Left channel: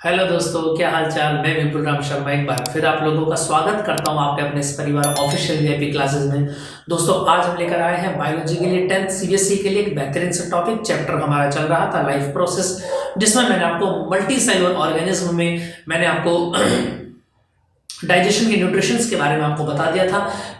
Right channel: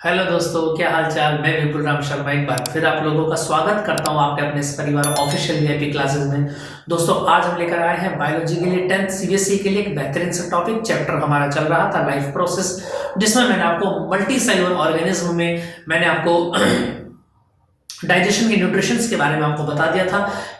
Hello दोस्तों, क्या हाल चाल। मैं विपुल राम शर्मा एक बार फिर आप लोगों का स्वागत करता हूं आपके अपने इस परिवार ऑफिशियल वीआईपी क्लासेस में। दोस्तों, आज हम लेकर आए हैं बायोलॉजी के लिए 10th सीबीएसई के लिए एक बेहतरीन सा टॉपिक। चैप्टर हमारा चल रहा था लाइफ प्रोसेस, जिसमें मैंने आपको मल्टी सेलुलर ऑर्गेनिज्म में मैंने आपको डाइजेशन के न्यूट्रिशंस के बारे में आपको बता दिया था।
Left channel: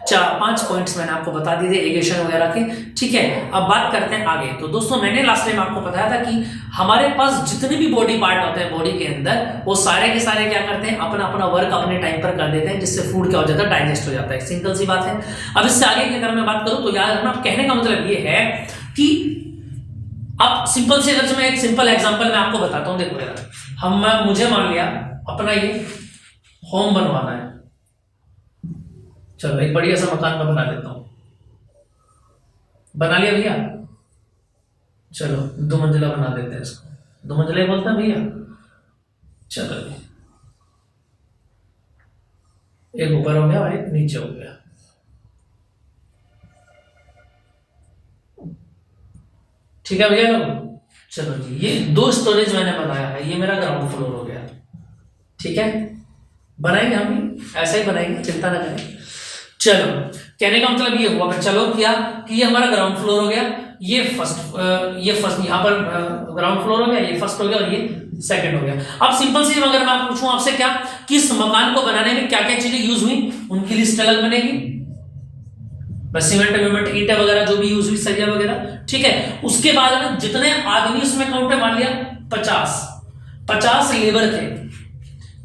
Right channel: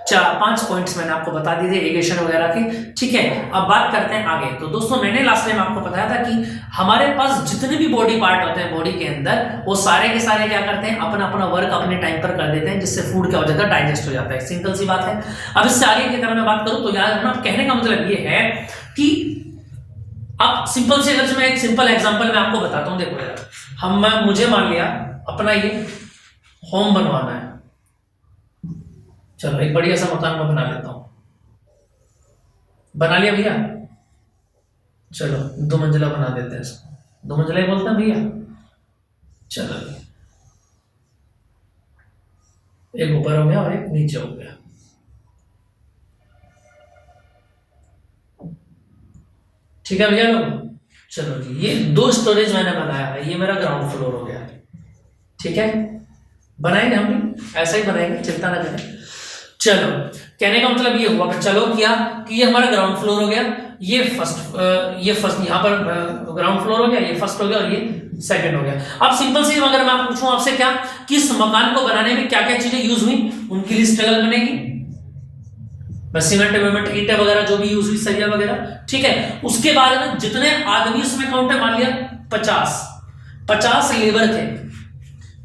4-5 पॉइंट्स मैंने आपको बता दिए थे एगेशन वगैरह के। ठीक है, अब बात करते हैं आगे। तो दोस्तों, मैंने लास्ट टाइम आपको बताया था कि हमारे पास जितने भी बॉडी पार्ट होते हैं बॉडी के अंदर, वो सारे के सारे क्या करते हैं, अपना अपना वर्क अपने टाइम पर कर देते हैं, जिससे फूड क्या हो जाता है, डाइजेस्ट हो जाता है। सिंपल सी बात है। अब इससे आगे की अगर मैं बात करूं तो याद रखना, कहने का मतलब ये है कि अब सिंपल से अगर मैं एक सिंपल एग्जांपल मैं आपको बताता हूं। देखो यार, मुझे मान लिया अपना ये होम बनवाना है। चलो एक बढ़िया सा मकान मैं बना लेता हूं। बना लिया भैया, चलो 2 मंजिला बना देते हैं इसको। 2 मंजिला ही बोलते हैं भैया। चलो एक ऊपर हो गया और एक नीचे हो गया। ठीक है भैया लोग। चलो जी, ये 2 स्टोरेज मैंने बनाया है। ये मेरा ग्राउंड फ्लोर हो गया। ठीक है, बनाएंगे हम भी ऐसा ही बनाएंगे, चिंता ना करें। चलो, कहने का मतलब ये हुआ, चलो किया कि ये हमारा ग्राउंड फ्लोर हो गया। ये फर्स्ट यहाँ पर ग्राउंड फ्लोर हो गया, ये फर्स्ट हो गया और ये सेकंड हो गया। अब सिंपल सी अगर मैं पूछूं आपसे, क्या किस मकान को बनाने में क्या क्या चीजें यूज हुई, उनकी लिस्ट अलग बनेगी। बस सीमेंट वेमेंट ईंटें वगैरह जो भी यूज हुई, सरिया वगैरह। ठीक है, उसके बाद में जितने आदमी उसमें काउंट है, मान लिया 50 लेबर थे।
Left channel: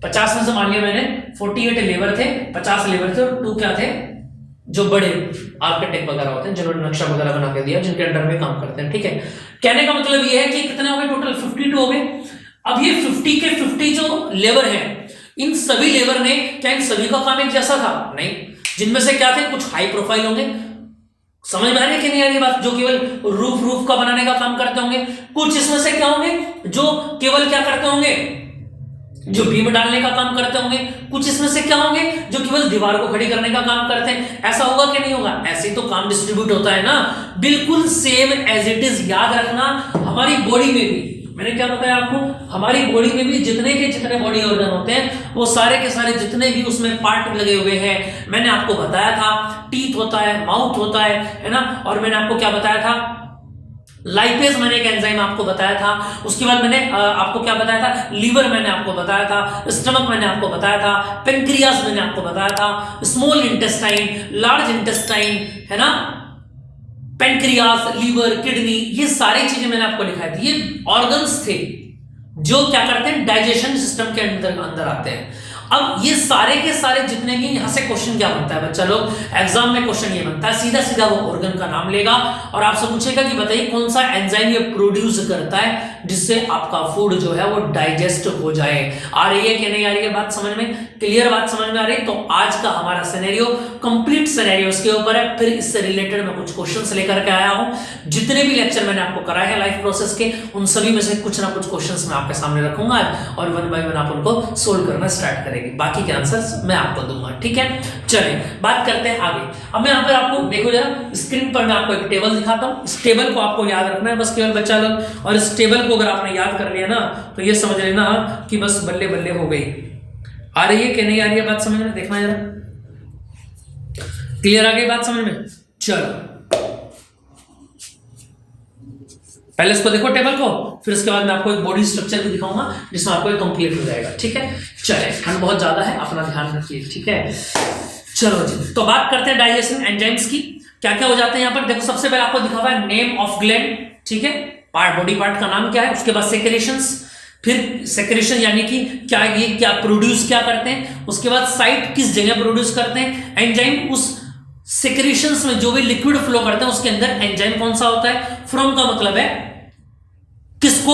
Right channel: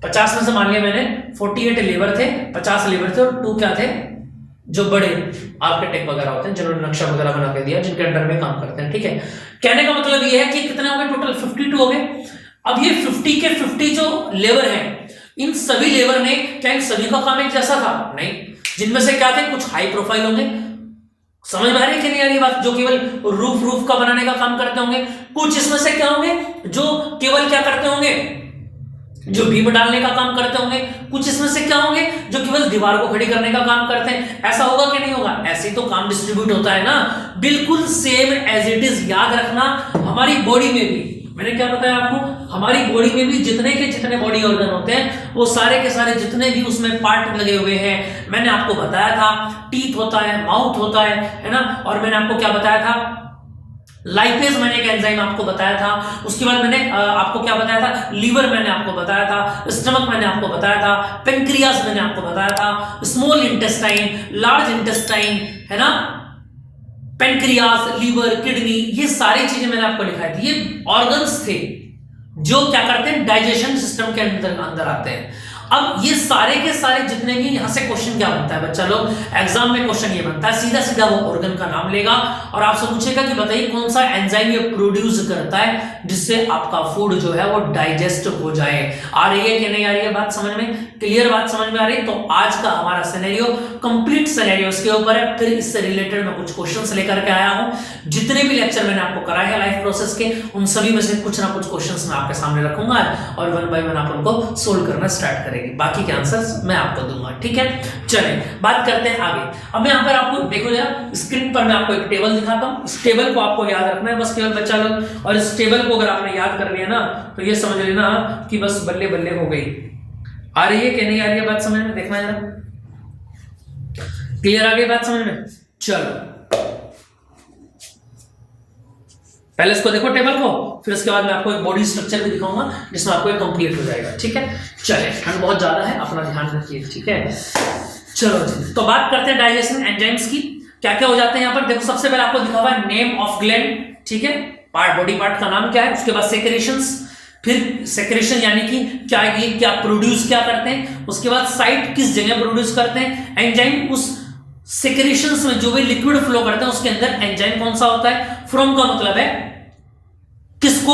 50 में से मान लिया मैंने 48 लेबर थे, 50 लेबर थे और 2 क्या थे, जो बड़े आर्किटेक्ट वगैरह होते हैं, जिन्होंने नक्शा वगैरह बना के दिया, जिनके अंडर में काम करते हैं। ठीक है, कहने का मतलब ये है कि कितने हो गए टोटल, 52 हो गए। अब ये 50 के 50 जो लेबर हैं, इन सभी लेबर ने क्या इन सभी का काम एक जैसा था? नहीं, जिनमें से क्या थे, कुछ हाई प्रोफाइल होंगे। समझ में आ रही है कि नहीं आ रही बात? जो केवल रूफ का बनाने का काम करते होंगे। कुछ इसमें से क्या होंगे, जो केवल क्या करते होंगे, जो बीम डालने का काम करते होंगे। कुछ इसमें से क्या होंगे, जो केवल दीवार को खड़ी करने का काम करते हैं। ऐसा होगा कि नहीं होगा? ऐसे ही तो काम डिस्ट्रीब्यूट होता है ना, बिल्कुल सेम एज इट इज। याद रखना, हमारी बॉडी में भी मैंने क्या बताया आपको, हमारी बॉडी में भी जितने के जितने बॉडी ऑर्गन होते हैं, वो सारे के सारे जितने भी उसमें पार्ट लगे हुए हैं, मैंने आपको बताया था। टीथ होता है, माउथ होता है ना। और मैंने आपको क्या बताया था, लाइपेज मैंने एक एंजाइम आपको बताया था। उसके बाद मैंने आपको क्या बताया था, लीवर मैंने आपको बताया था, स्टमक मैंने आपको बताया था, पेंक्रियाज मैंने आपको बताया था, स्मॉल इंटेस्टाइन, लार्ज इंटेस्टाइन, है ना, पेंक्रियाज, लीवर, किडनी, ये सारी चीजें मैंने आपको दिखाई थी। ये ऑर्गन्स थे जो क्या करते हैं, डाइजेशन सिस्टम के अंदर आते हैं। अब ये सारे के सारे जितने भी, यहां से क्वेश्चन क्या बनता है बच्चा लोग, एग्जाम में क्वेश्चन ये बनता है, सीधा सीधा वो ऑर्गन का नाम लेगा और आपसे पूछेगा कि बताइए कौन सा एंजाइम ये प्रोड्यूस करता है जिससे आपका फूड जो है वो डाइजेस्ट हो जाए। आ रही है कि नहीं आ रही है बात समझ में? क्लियर बात समझ में आ रही है? तो आज का हमारा सिनेरियो कंप्लीट सिनेरियो इसके ऊपर है। फिर इससे रिलेटेड मैं कुछ क्वेश्चंस लेकर के आया हूं। जितने भी लेक्चर मैंने आपको कराए हैं लाइफ प्रोसेस के, उन सभी में से कुछ ना कुछ क्वेश्चंस मैं आपके सामने रखूंगा और 1 बाय 1 आप उनको सोल्व करना स्टार्ट करेंगे। बाकी के आंसर्स मैं आपको दूंगा। ठीक है, चलें बात करते हैं आगे। अब यहां पर आपको देखो जरा, स्क्रीन पर मैं आपको एक टेबल दिखाता हूं। इस टेबल को आपको याद रखना है बस, केवल बच्चा लोग। और इस टेबल को अगर आपने याद कर लिया ना, तो ये समझ लेना कि बस बल्ले बल्ले हो गई। आ रही है कि नहीं आ रही है बात समझ में? देखना जरा, क्लियर आ गई बात समझ में? चलो पहले इसको देखो टेबल को, फिर इसके बाद मैं आपको एक बॉडी स्ट्रक्चर भी दिखाऊंगा जिसमें आपको कंप्लीट हो जाएगा। ठीक है, चलिए, ठंड बहुत ज्यादा है, अपना ध्यान रखिए। ठीक है, चलो जी, तो बात करते हैं डाइजेशन एंजाइम्स की। क्या क्या हो जाते हैं यहाँ पर, देखो सबसे पहले आपको दिखा हुआ है नेम ऑफ ग्लैंड। ठीक है, पार्ट, बॉडी पार्ट का नाम क्या है। उसके बाद सेक्रेशंस, फिर सेक्रेशन यानी कि क्या ये क्या प्रोड्यूस क्या करते हैं। उसके बाद साइट, किस जगह प्रोड्यूस करते हैं एंजाइम। उस सेक्रेशंस में जो भी लिक्विड फ्लो करते हैं उसके अंदर एंजाइम कौन सा होता है। फ्रॉम का मतलब है किसको,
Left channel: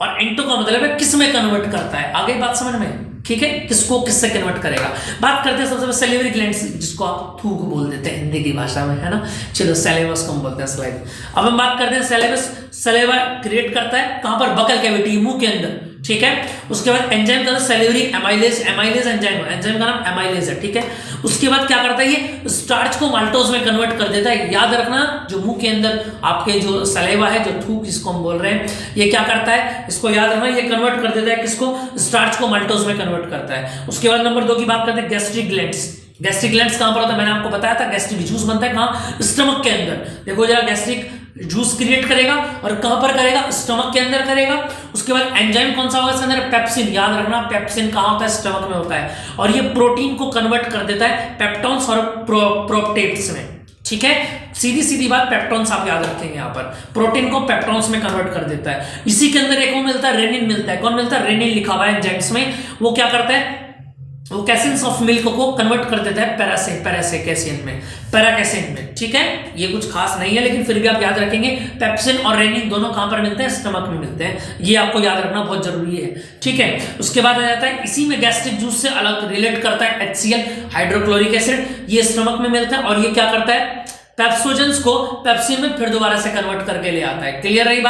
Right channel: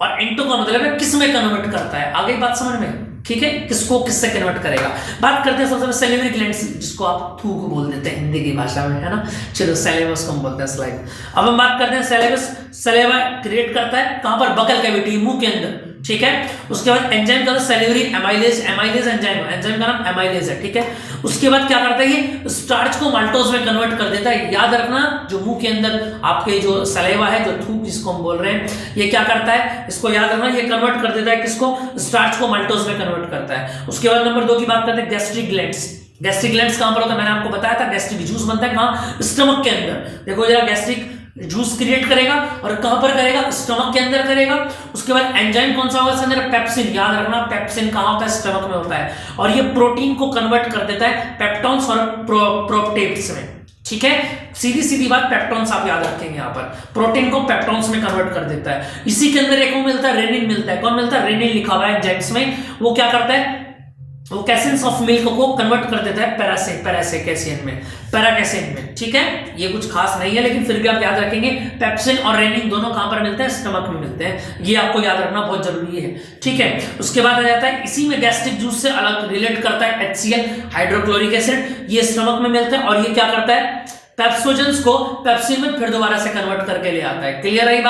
और एंटो का मतलब है किस में कन्वर्ट करता है। आगे बात समझ में? ठीक है, किसको किससे कन्वर्ट करेगा। बात करते हैं सबसे पहले सैलिवरी ग्लैंड्स, जिसको आप थूक बोल देते हैं हिंदी की भाषा में, है ना। चलो सैलिवस को हम बोलते हैं स्लाइड। अब हम बात करते हैं सैलिवस। सैलिवा क्रिएट करता है कहां पर, बकल कैविटी, मुंह के अंदर। ठीक है। उसके बाद एंजाइम का सेल्यूलरी एमाइलेज, एमाइलेज एंजाइम का नाम एमाइलेज है, ठीक है। उसके बाद क्या करता है, ये स्टार्च को माल्टोज में कन्वर्ट कर देता है। याद रखना, जो मुंह के अंदर आपके जो सलेवा है, जो थूक जिसको हम बोल रहे हैं, ये क्या करता है, इसको याद रखना, ये कन्वर्ट कर देता है किसको, स्टार्च को माल्टोज में कन्वर्ट करता है। उसके बाद नंबर 2 की बात करते हैं, गैस्ट्रिक ग्लैंड्स। गैस्ट्रिक ग्लैंड्स कहां पर होता है, मैंने आपको बताया था, गैस्ट्रिक जूस बनता है कहां, स्टमक के अंदर। देखो जरा, गैस्ट्रिक जूस क्रिएट करेगा और कहां पर करेगा, स्टमक के अंदर करेगा। उसके बाद एंजाइम कौन सा होगा इसके अंदर, पेप्सिन। याद रखना, पेप्सिन कहां होता है, स्टमक में होता है, और ये प्रोटीन को कन्वर्ट कर देता है पेप्टॉन्स और प्रोप्टेट्स में, ठीक है। सीधी सीधी बात, पेप्टॉन्स आप याद रखेंगे, यहाँ पर प्रोटीन को पेप्टॉन्स में कन्वर्ट कर देता है। इसी के अंदर एक वो मिलता है, रेनिन मिलता है। कौन मिलता है, रेनिन लिखा हुआ है एंजाइम्स में। वो क्या करता है, वो कैसिन्स ऑफ मिल्क को कन्वर्ट कर देता है पैराकेसिन में, ठीक है। ये कुछ खास नहीं है, लेकिन फिर भी आप याद रखेंगे, पेप्सिन और रेनिन दोनों कहां पर मिलते हैं, स्टमक में मिलते हैं। ये आपको याद रखना बहुत जरूरी है, ठीक है। उसके बाद आ जाता है, इसी में गैस्ट्रिक जूस से अलग रिलेट करता है HCl, हाइड्रोक्लोरिक एसिड। ये स्टमक में मिलते हैं, और ये क्या करता है, पेप्सोजेंस को पेप्सिन में फिर दोबारा से कन्वर्ट करके ले आता है। क्लियर है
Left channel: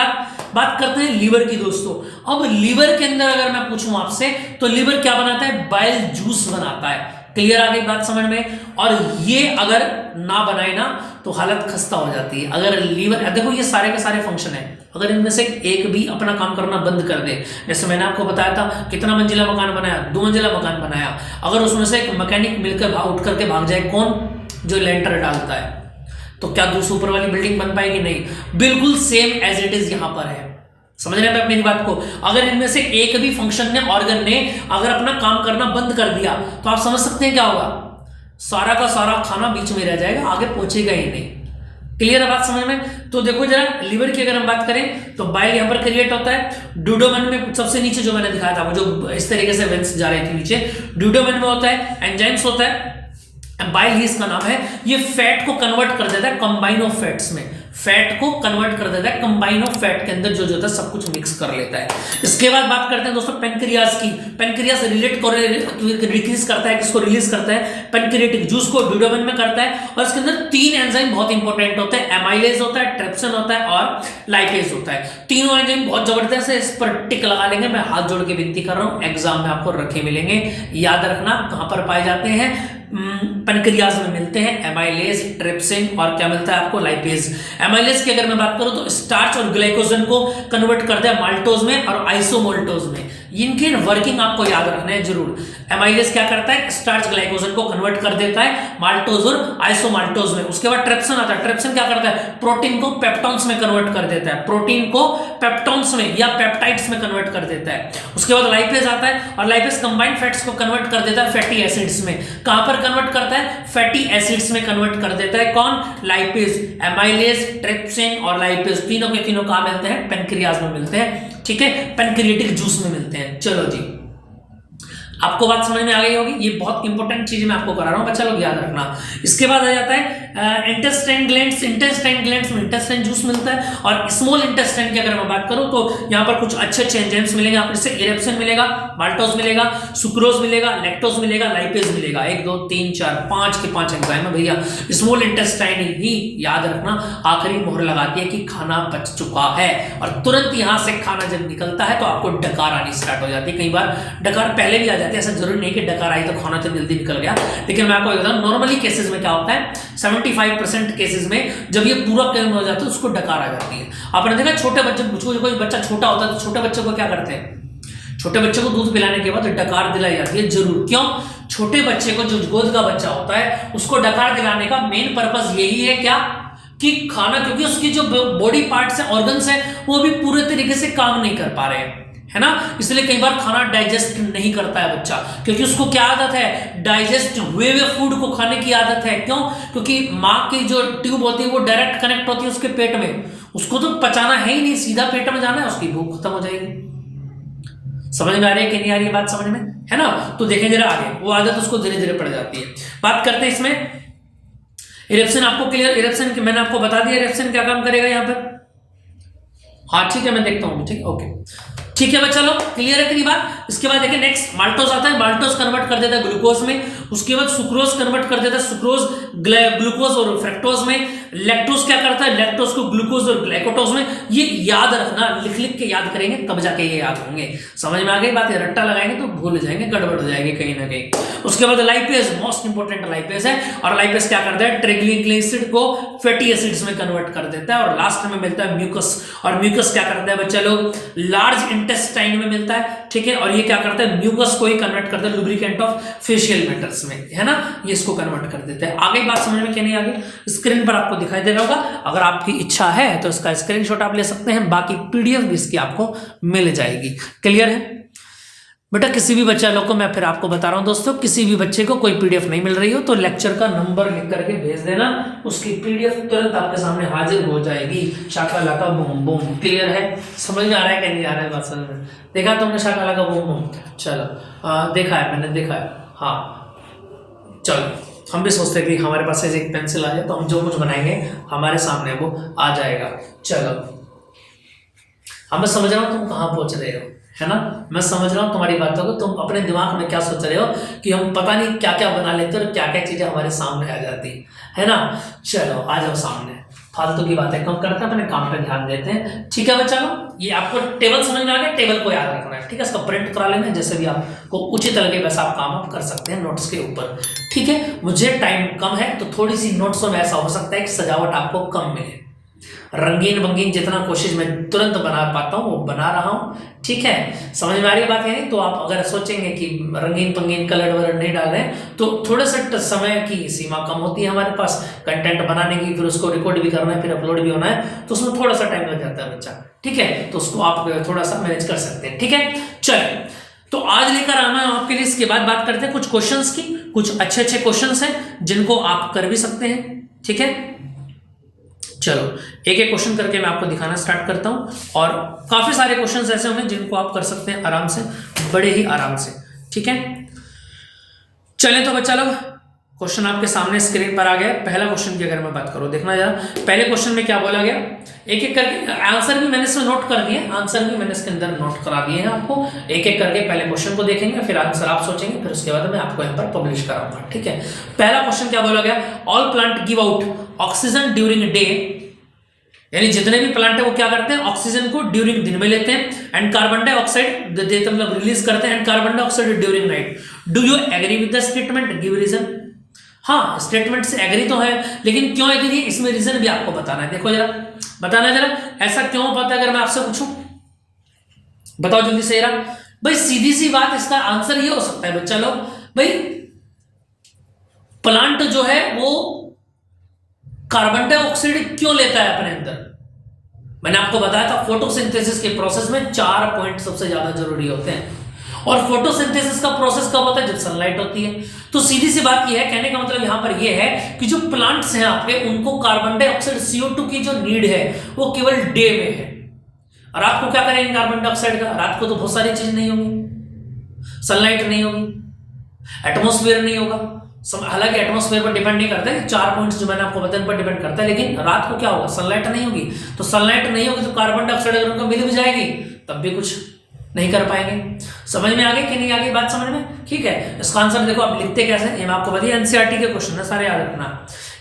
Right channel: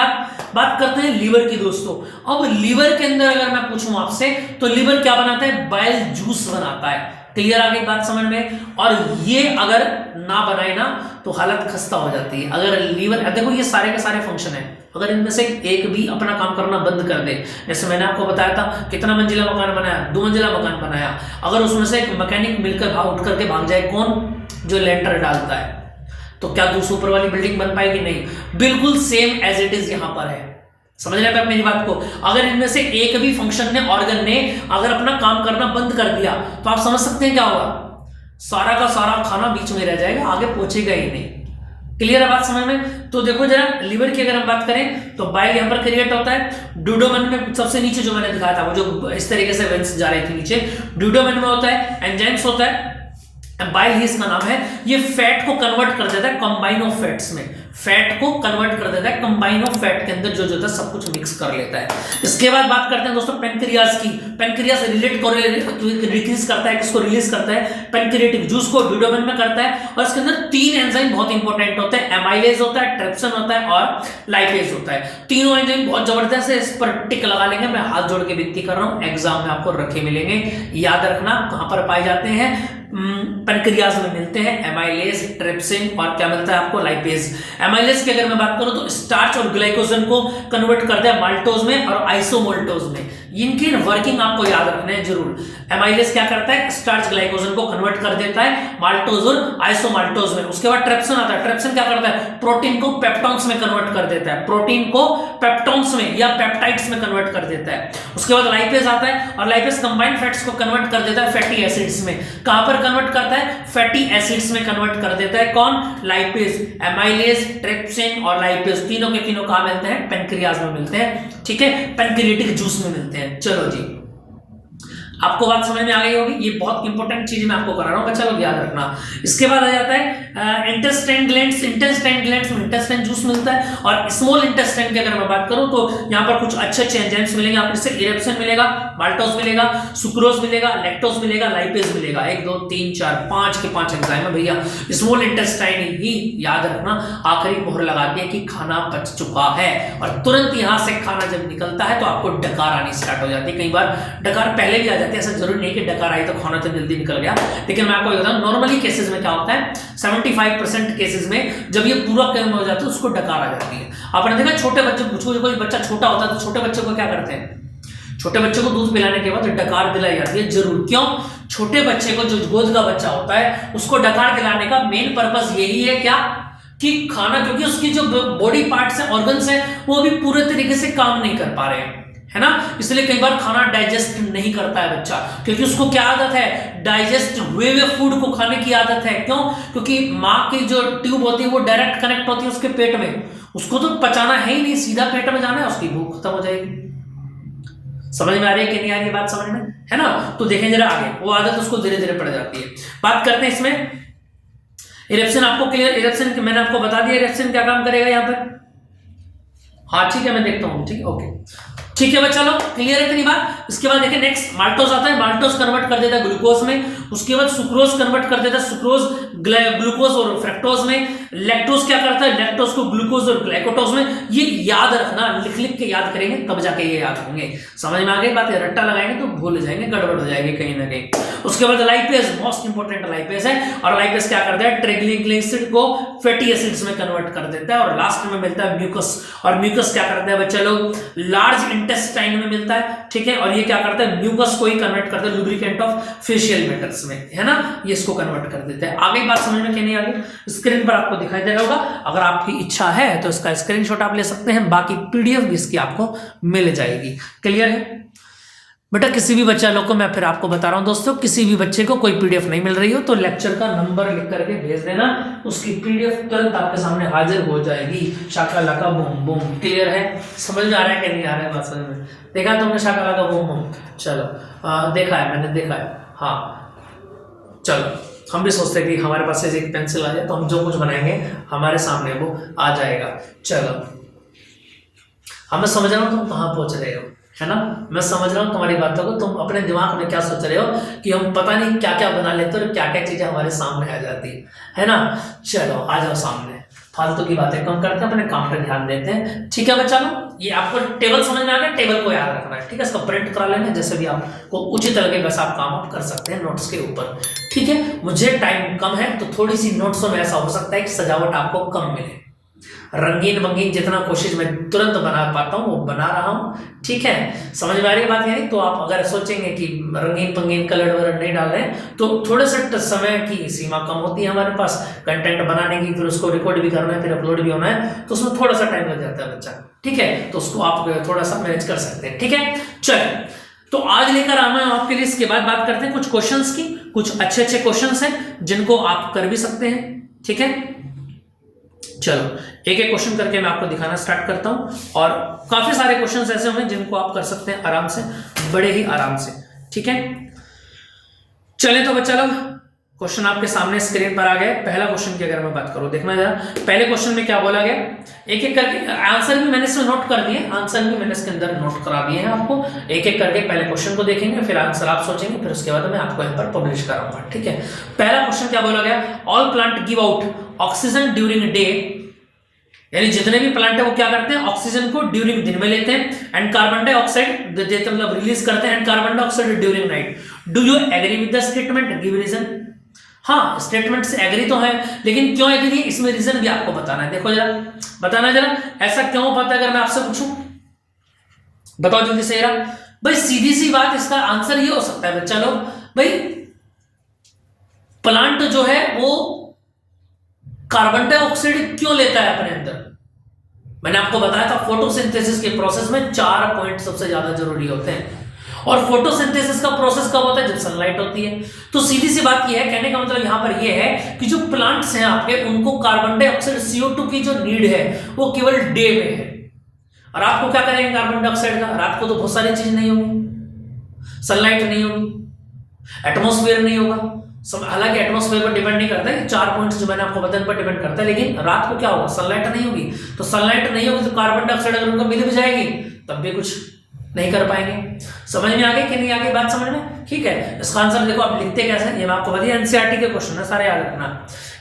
बात करते हैं लीवर की दोस्तों। अब लीवर के अंदर अगर मैं पूछूं आपसे, तो लीवर क्या बनाता है, बाइल जूस बनाता है। क्लियर आ गई बात समझ में। और ये अगर ना बनाए ना, तो हालत खस्ता हो जाती है। अगर लीवर, देखो ये सारे के सारे फंक्शन है, अगर इनमें से एक भी अपना काम करना बंद कर दे, जैसे मैंने आपको बताया था, कितना मंजिला मकान बनाया, 2 मंजिला मकान बनाया, अगर उसमें से एक मैकेनिक मिलकर उठ करके भाग जाए, कौन, जो लेंटर डालता है, तो क्या दूसरी ऊपर वाली बिल्डिंग बन पाएगी, नहीं। बिल्कुल सेम एज इट इज यहां पर है। समझ रहे हैं मेरी बात को। अगर इनमें से एक भी फंक्शन ने, ऑर्गन ने अगर अपना काम करना बंद कर दिया, तो आप समझ सकते हैं क्या होगा, सारा का सारा खाना बीच में रह जाएगा, आगे पहुंचेगा ही नहीं। क्लियर है बात समझ में। तो देखो जरा, लीवर की अगर हम बात करें, तो बाइल यहां पर क्रिएट होता है। ड्यूडोमेन में सबसे नीचे जो मैंने दिखाया था, वो जो इस तरीके से वेंस जा रहे थे नीचे, ड्यूडोमेन में होता है, एंजाइम्स होता है, बाइल ही इसका नाम है। ये फैट को कन्वर्ट कर देता है कंबाइन ऑफ फैट्स में, फैट को कन्वर्ट कर देता है कंबाइन ऑफ फैट के अंदर, जो होता है सब कुछ मिक्स कर लेता है। इसके बाद बात करते हैं दोस्तों पेनक्रियास की। पेनक्रियास डिक्रीज करता है, किसको रिलीज करता है, पेनक्रियाटिक जूस को ड्यूडोमेन में करता है। और इसके अंदर 3 एंजाइम बहुत इंपॉर्टेंट होते हैं, एमाइलेज होता है, ट्रिप्सिन होता है और लाइपेज होता है। तीनों एंजाइम बहुत जबरदस्त है, इस पर टिक लगा लेंगे, मैं हाथ जोड़ के विनती कर रहा हूं, एग्जाम में आपको रखे मिलेंगे। याद रखना कहां पर पाए जाते हैं, पेनक्रियाज में मिलते हैं, एमाइलेज, ट्रिप्सिन और क्या मिलता है आपको, लाइपेज। एमाइलेज की अगर मैं बात करूं, तो स्टार्च और ग्लाइकोजन को कन्वर्ट करता है माल्टोज में और आइसोमोल्टोज में। इनकी वर्किंग आपको याद रखना है जरूर। एमाइलेज क्या करता है, स्टार्च ग्लाइकोजन को कन्वर्ट कर देता है माल्टोज और आइसोमाल्टोज में। उसके बाद ट्रिप्सिन आता है, ट्रिप्सिन क्या करता है, प्रोटीन को पेप्टॉन्स में कन्वर्ट कर देता है, प्रोटीन को पेप्टॉन्स में या पेप्टाइड्स में कन्वर्ट कर देता है। उसके बाद लाइपेज आता है, और लाइपेज कंबाइंड फैट्स को कन्वर्ट कर देता है फैटी एसिड्स में। कहां पर कन्वर्ट करता है, फैटी एसिड्स में कन्वर्ट कर देता है, कौन, लाइपेज। एमाइलेज, ट्रिप्सिन और लाइपेज तीनों के तीनों कहां मिलते हैं, पेनक्रियाज में मिलते हैं, ठीक है, पेनक्रियाटिक जूस में मिलते हैं। चलो जी, आपको बात समझ में आ गई होगी। ये बहुत इंपॉर्टेंट चीज मैं आपको करा रहा हूं, बच्चा लोग याद रखना। इसके बाद आ जाता है इंटेस्टाइन ग्लैंड्स। इंटेस्टाइन ग्लैंड्स में इंटेस्टाइन जूस मिलता है। और स्मॉल इंटेस्टाइन की अगर मैं बात करूं, तो यहाँ पर कुछ अच्छे एंजाइम्स मिलेंगे आपको, इससे इरेप्सिन मिलेगा, माल्टोज मिलेगा, सुक्रोज मिलेगा, लैक्टोज मिलेगा, लाइपेज मिलेगा। 1 2 3 4 5 के 5 एंजाइम है भैया। स्मॉल इंटेस्टाइन ही याद रखना, आखिरी मोहर लगाती है कि खाना पच चुका है, और तुरंत यहां से खाना जब निकलता है तो आपको डकार आनी स्टार्ट हो जाती है। कई बार डकार पहले भी आ जाती है, ऐसा जरूरी नहीं कि डकार आई तो खाना तो जल्दी निकल गया। लेकिन मैं आपको बताऊं, नॉर्मली केसेस में क्या होता है, 75% केसेस में जब ये पूरा कर्म हो जाता है, उसको डकार आ जाती है। आपने देखा छोटे बच्चे, कोई बच्चा छोटा होता है तो छोटे बच्चे को क्या करते हैं, छोटे बच्चे को दूध पिलाने के बाद डकार दिलाई जाती है जरूर। क्यों, छोटे बच्चे को, जो गोद का बच्चा होता है, उसको डकार दिलाने का मेन पर्पस यही है क्या, कि खाना, क्योंकि उसकी जो बॉडी पार्ट्स है, ऑर्गन्स है, वो भी पूरे तरीके से काम नहीं कर पा रहे हैं, है ना। इसलिए कई बार खाना डाइजेस्ट नहीं करता है बच्चा, क्योंकि उसको क्या आदत है, डाइजेस्ट हुए हुए फूड को खाने की आदत है। क्यों, क्योंकि माँ की जो ट्यूब होती है वो डायरेक्ट कनेक्ट होती है उसके पेट में, उसको तो पचाना है ही नहीं, सीधा पेट में जाना है, उसकी भूख खत्म हो जाएगी। समझ में आ रही है कि नहीं आ रही है बात समझ में, है ना। तो देखें जरा आगे, वो आदत उसको धीरे धीरे पड़ जाती है। बात करते हैं इसमें इरेप्सिन। आपको क्लियर, इरेप्सिन मैंने आपको बता दिया, इरेप्सिन क्या काम करेगा यहाँ पर। हाँ ठीक है, मैं देखता हूँ, ठीक है, ओके, ठीक है बच्चा लोग, क्लियर है इतनी बात। इसके बाद देखिए नेक्स्ट माल्टोज आता है, माल्टोज कन्वर्ट कर देता है ग्लूकोज में। उसके बाद सुक्रोज कन्वर्ट कर देता है सुक्रोज ग्लूकोज और फ्रक्टोज में। लैक्टोज क्या करता है, लैक्टोज को ग्लूकोज और ग्लाइकोटोज में, ये याद रखना, लिख लिख के याद करेंगे तब जाके ये याद होंगे। समझ में आ गई बात है, रट्टा लगाएंगे तो भूल जाएंगे, गड़बड़ हो जाएगी कहीं ना कहीं। उसके बाद लाइपेज, मोस्ट इंपोर्टेंट लाइपेज है, और लाइपेज क्या करता है, ट्राइग्लिसराइड एसिड को फैटी एसिड्स में कन्वर्ट कर देता है। और लास्ट में मिलता है म्यूकस, और म्यूकस क्या करता है बच्चा लोग, लार्ज इंटेस्टाइन में मिलता है, ठीक है। और ये क्या करता है, म्यूकस को ही कन्वर्ट करता है लुब्रिकेंट ऑफ फेशियल मेटल्स में, है ना, ये इसको कन्वर्ट कर देता है। आगे बात समझ में क्या नहीं आ गई, स्क्रीन पर आपको दिखाई दे रहा होगा, अगर आपकी इच्छा है तो इसका स्क्रीनशॉट आप ले सकते हैं, बाकी पीडीएफ भी इसकी आपको मिल जाएगी। क्लियर है बेटा? किसी भी बच्चा लोग को मैं फिर आपको बता रहा हूं दोस्तों, किसी भी बच्चे को कोई पीडीएफ नहीं मिल रही हो तो लेक्चर का नंबर लिख करके भेज देना, उसकी पीडीएफ तुरंत आपके सामने हाजिर हो जाएगी। शाका लाका बूम बूम। क्लियर है? समझ में आ रहा है कि नहीं आ रहा है बात समझ में? देखा तुमने शाका लाका बूम बूम? चलो देखा है, मैंने देखा है, हाँ। चलो हम भी सोचते हैं कि हमारे पास से एक पेंसिल आ जाए तो हम जो कुछ बनाएंगे हमारे सामने वो आ जाएगा। चलो मैं समझ रहा हूँ तुम कहाँ पहुंच रहे हो, है ना, मैं समझ रहा हूँ तुम्हारी बातों को, तुम अपने दिमाग में क्या सोच रहे हो कि हम पता नहीं क्या क्या बना लेते और क्या क्या चीजें हमारे सामने आ जाती है ना। चलो आ जाओ सामने, फालतू की बातें कम करते हैं, अपने काम पे ध्यान देते हैं, ठीक है बच्चा लोग। ये आपको टेबल समझ में आ गया, टेबल को याद रखना है, ठीक है, इसका प्रिंट करा लेना, जैसे भी आपको उचित लगे वैसा आप काम कर सकते हैं नोट्स के ऊपर, ठीक है। मुझे टाइम कम है तो थोड़ी सी नोट्सों में ऐसा हो सकता है कि सजावट आपको कम मिले, रंगीन बंगीन जितना कोशिश मैं तुरंत बना पाता हूँ वो बना रहा हूँ, ठीक है। समझ में आ रही बात है? तो आप अगर सोचेंगे कि रंगीन पंगीन कलर वलर नहीं डाल रहे हैं तो थोड़े से समय की सीमा कम होती है हमारे पास कंटेंट बनाने की, फिर उसको रिकॉर्ड भी करना है, फिर अपलोड भी होना है, तो उसमें थोड़ा सा टाइम लग जाता है बच्चा, ठीक है। तो उसको आप थोड़ा सा मैनेज कर सकते हैं, ठीक है। चलिए तो आज लेकर आना है आपके लिए, इसके बाद बात करते हैं कुछ क्वेश्चंस की। कुछ अच्छे अच्छे क्वेश्चंस हैं जिनको आप कर भी सकते हैं, ठीक है। चलो एक एक क्वेश्चन करके मैं आपको दिखाना स्टार्ट करता हूं, और काफी सारे क्वेश्चंस ऐसे होंगे जिनको आप कर सकते हैं आराम से, बड़े ही आराम से, ठीक है। चलें तो बच्चा लोग, क्वेश्चन आपके सामने स्क्रीन पर आ गया। पहला क्वेश्चन की अगर मैं बात करूं, देखना जरा पहले क्वेश्चन में क्या बोला गया, एक एक करके आंसर भी मैंने इसमें नोट कर दिए, आंसर भी मैंने इसके अंदर नोट करा दिए हैं आपको। एक एक करके पहले क्वेश्चन को देखेंगे, फिर आंसर आप सोचेंगे, फिर उसके बाद मैं आपको यहाँ पर पब्लिश कराऊंगा, ठीक है। पहला क्वेश्चन क्या बोला गया, all plant give out oxygen during day, यानी जितने भी प्लांट है वो क्या करते हैं, ऑक्सीजन को ड्यूरिंग दिन में लेते हैं, एंड कार्बन डाइऑक्साइड देते मतलब रिलीज करते हैं, and carbon dioxide during night. Do you agree with the statement, give reason. हाँ स्टेटमेंट से एग्री तो है, लेकिन क्यों एग्री है इसमें रीजन भी आपको बताना है। देखो जरा, बताना जरा ऐसा क्यों पता है, अगर मैं आपसे पूछूं बताओ जल्दी से जरा। भाई सीधी सी बात, इसका आंसर ये हो सकता है बच्चा लोग, भाई प्लांट जो है वो कार्बन डाइऑक्साइड क्यों लेता है अपने अंदर। मैंने आपको बताया था फोटोसिंथेसिस के प्रोसेस में 4 पॉइंट सबसे ज्यादा जरूरी होते हैं, और फोटोसिंथेसिस का प्रोसेस कब होता है, जब सनलाइट होती है। तो सीधी सी बात यह है, कहने का मतलब यहां पर यह है कि जो प्लांट्स हैं आपके, उनको कार्बन डाइऑक्साइड CO2 की जो नीड है वो केवल डे में है। और रात को क्या करेंगे कार्बन डाइऑक्साइड का, रात को तो बहुत सारी चीज नहीं होगी, सनलाइट नहीं होगी, एटमॉस्फेयर नहीं होगा। हालांकि एटमॉस्फेयर पर डिपेंड नहीं करता है, 4 पॉइंट्स जो मैंने आपको बताया पर डिपेंड करता है, लेकिन रात को क्या होगा, सनलाइट नहीं होगी। तो सनलाइट नहीं होगी तो कार्बन डाइऑक्साइड अगर उनको मिल भी जाएगी तब भी कुछ नहीं कर पाएंगे। समझ में आ गई कि नहीं आ गई बात समझ में, ठीक है। इसका आंसर देखो आप लिखते कैसे, ये मैं आपको बताइए, एनसीईआरटी के क्वेश्चन है सारे, याद रखना।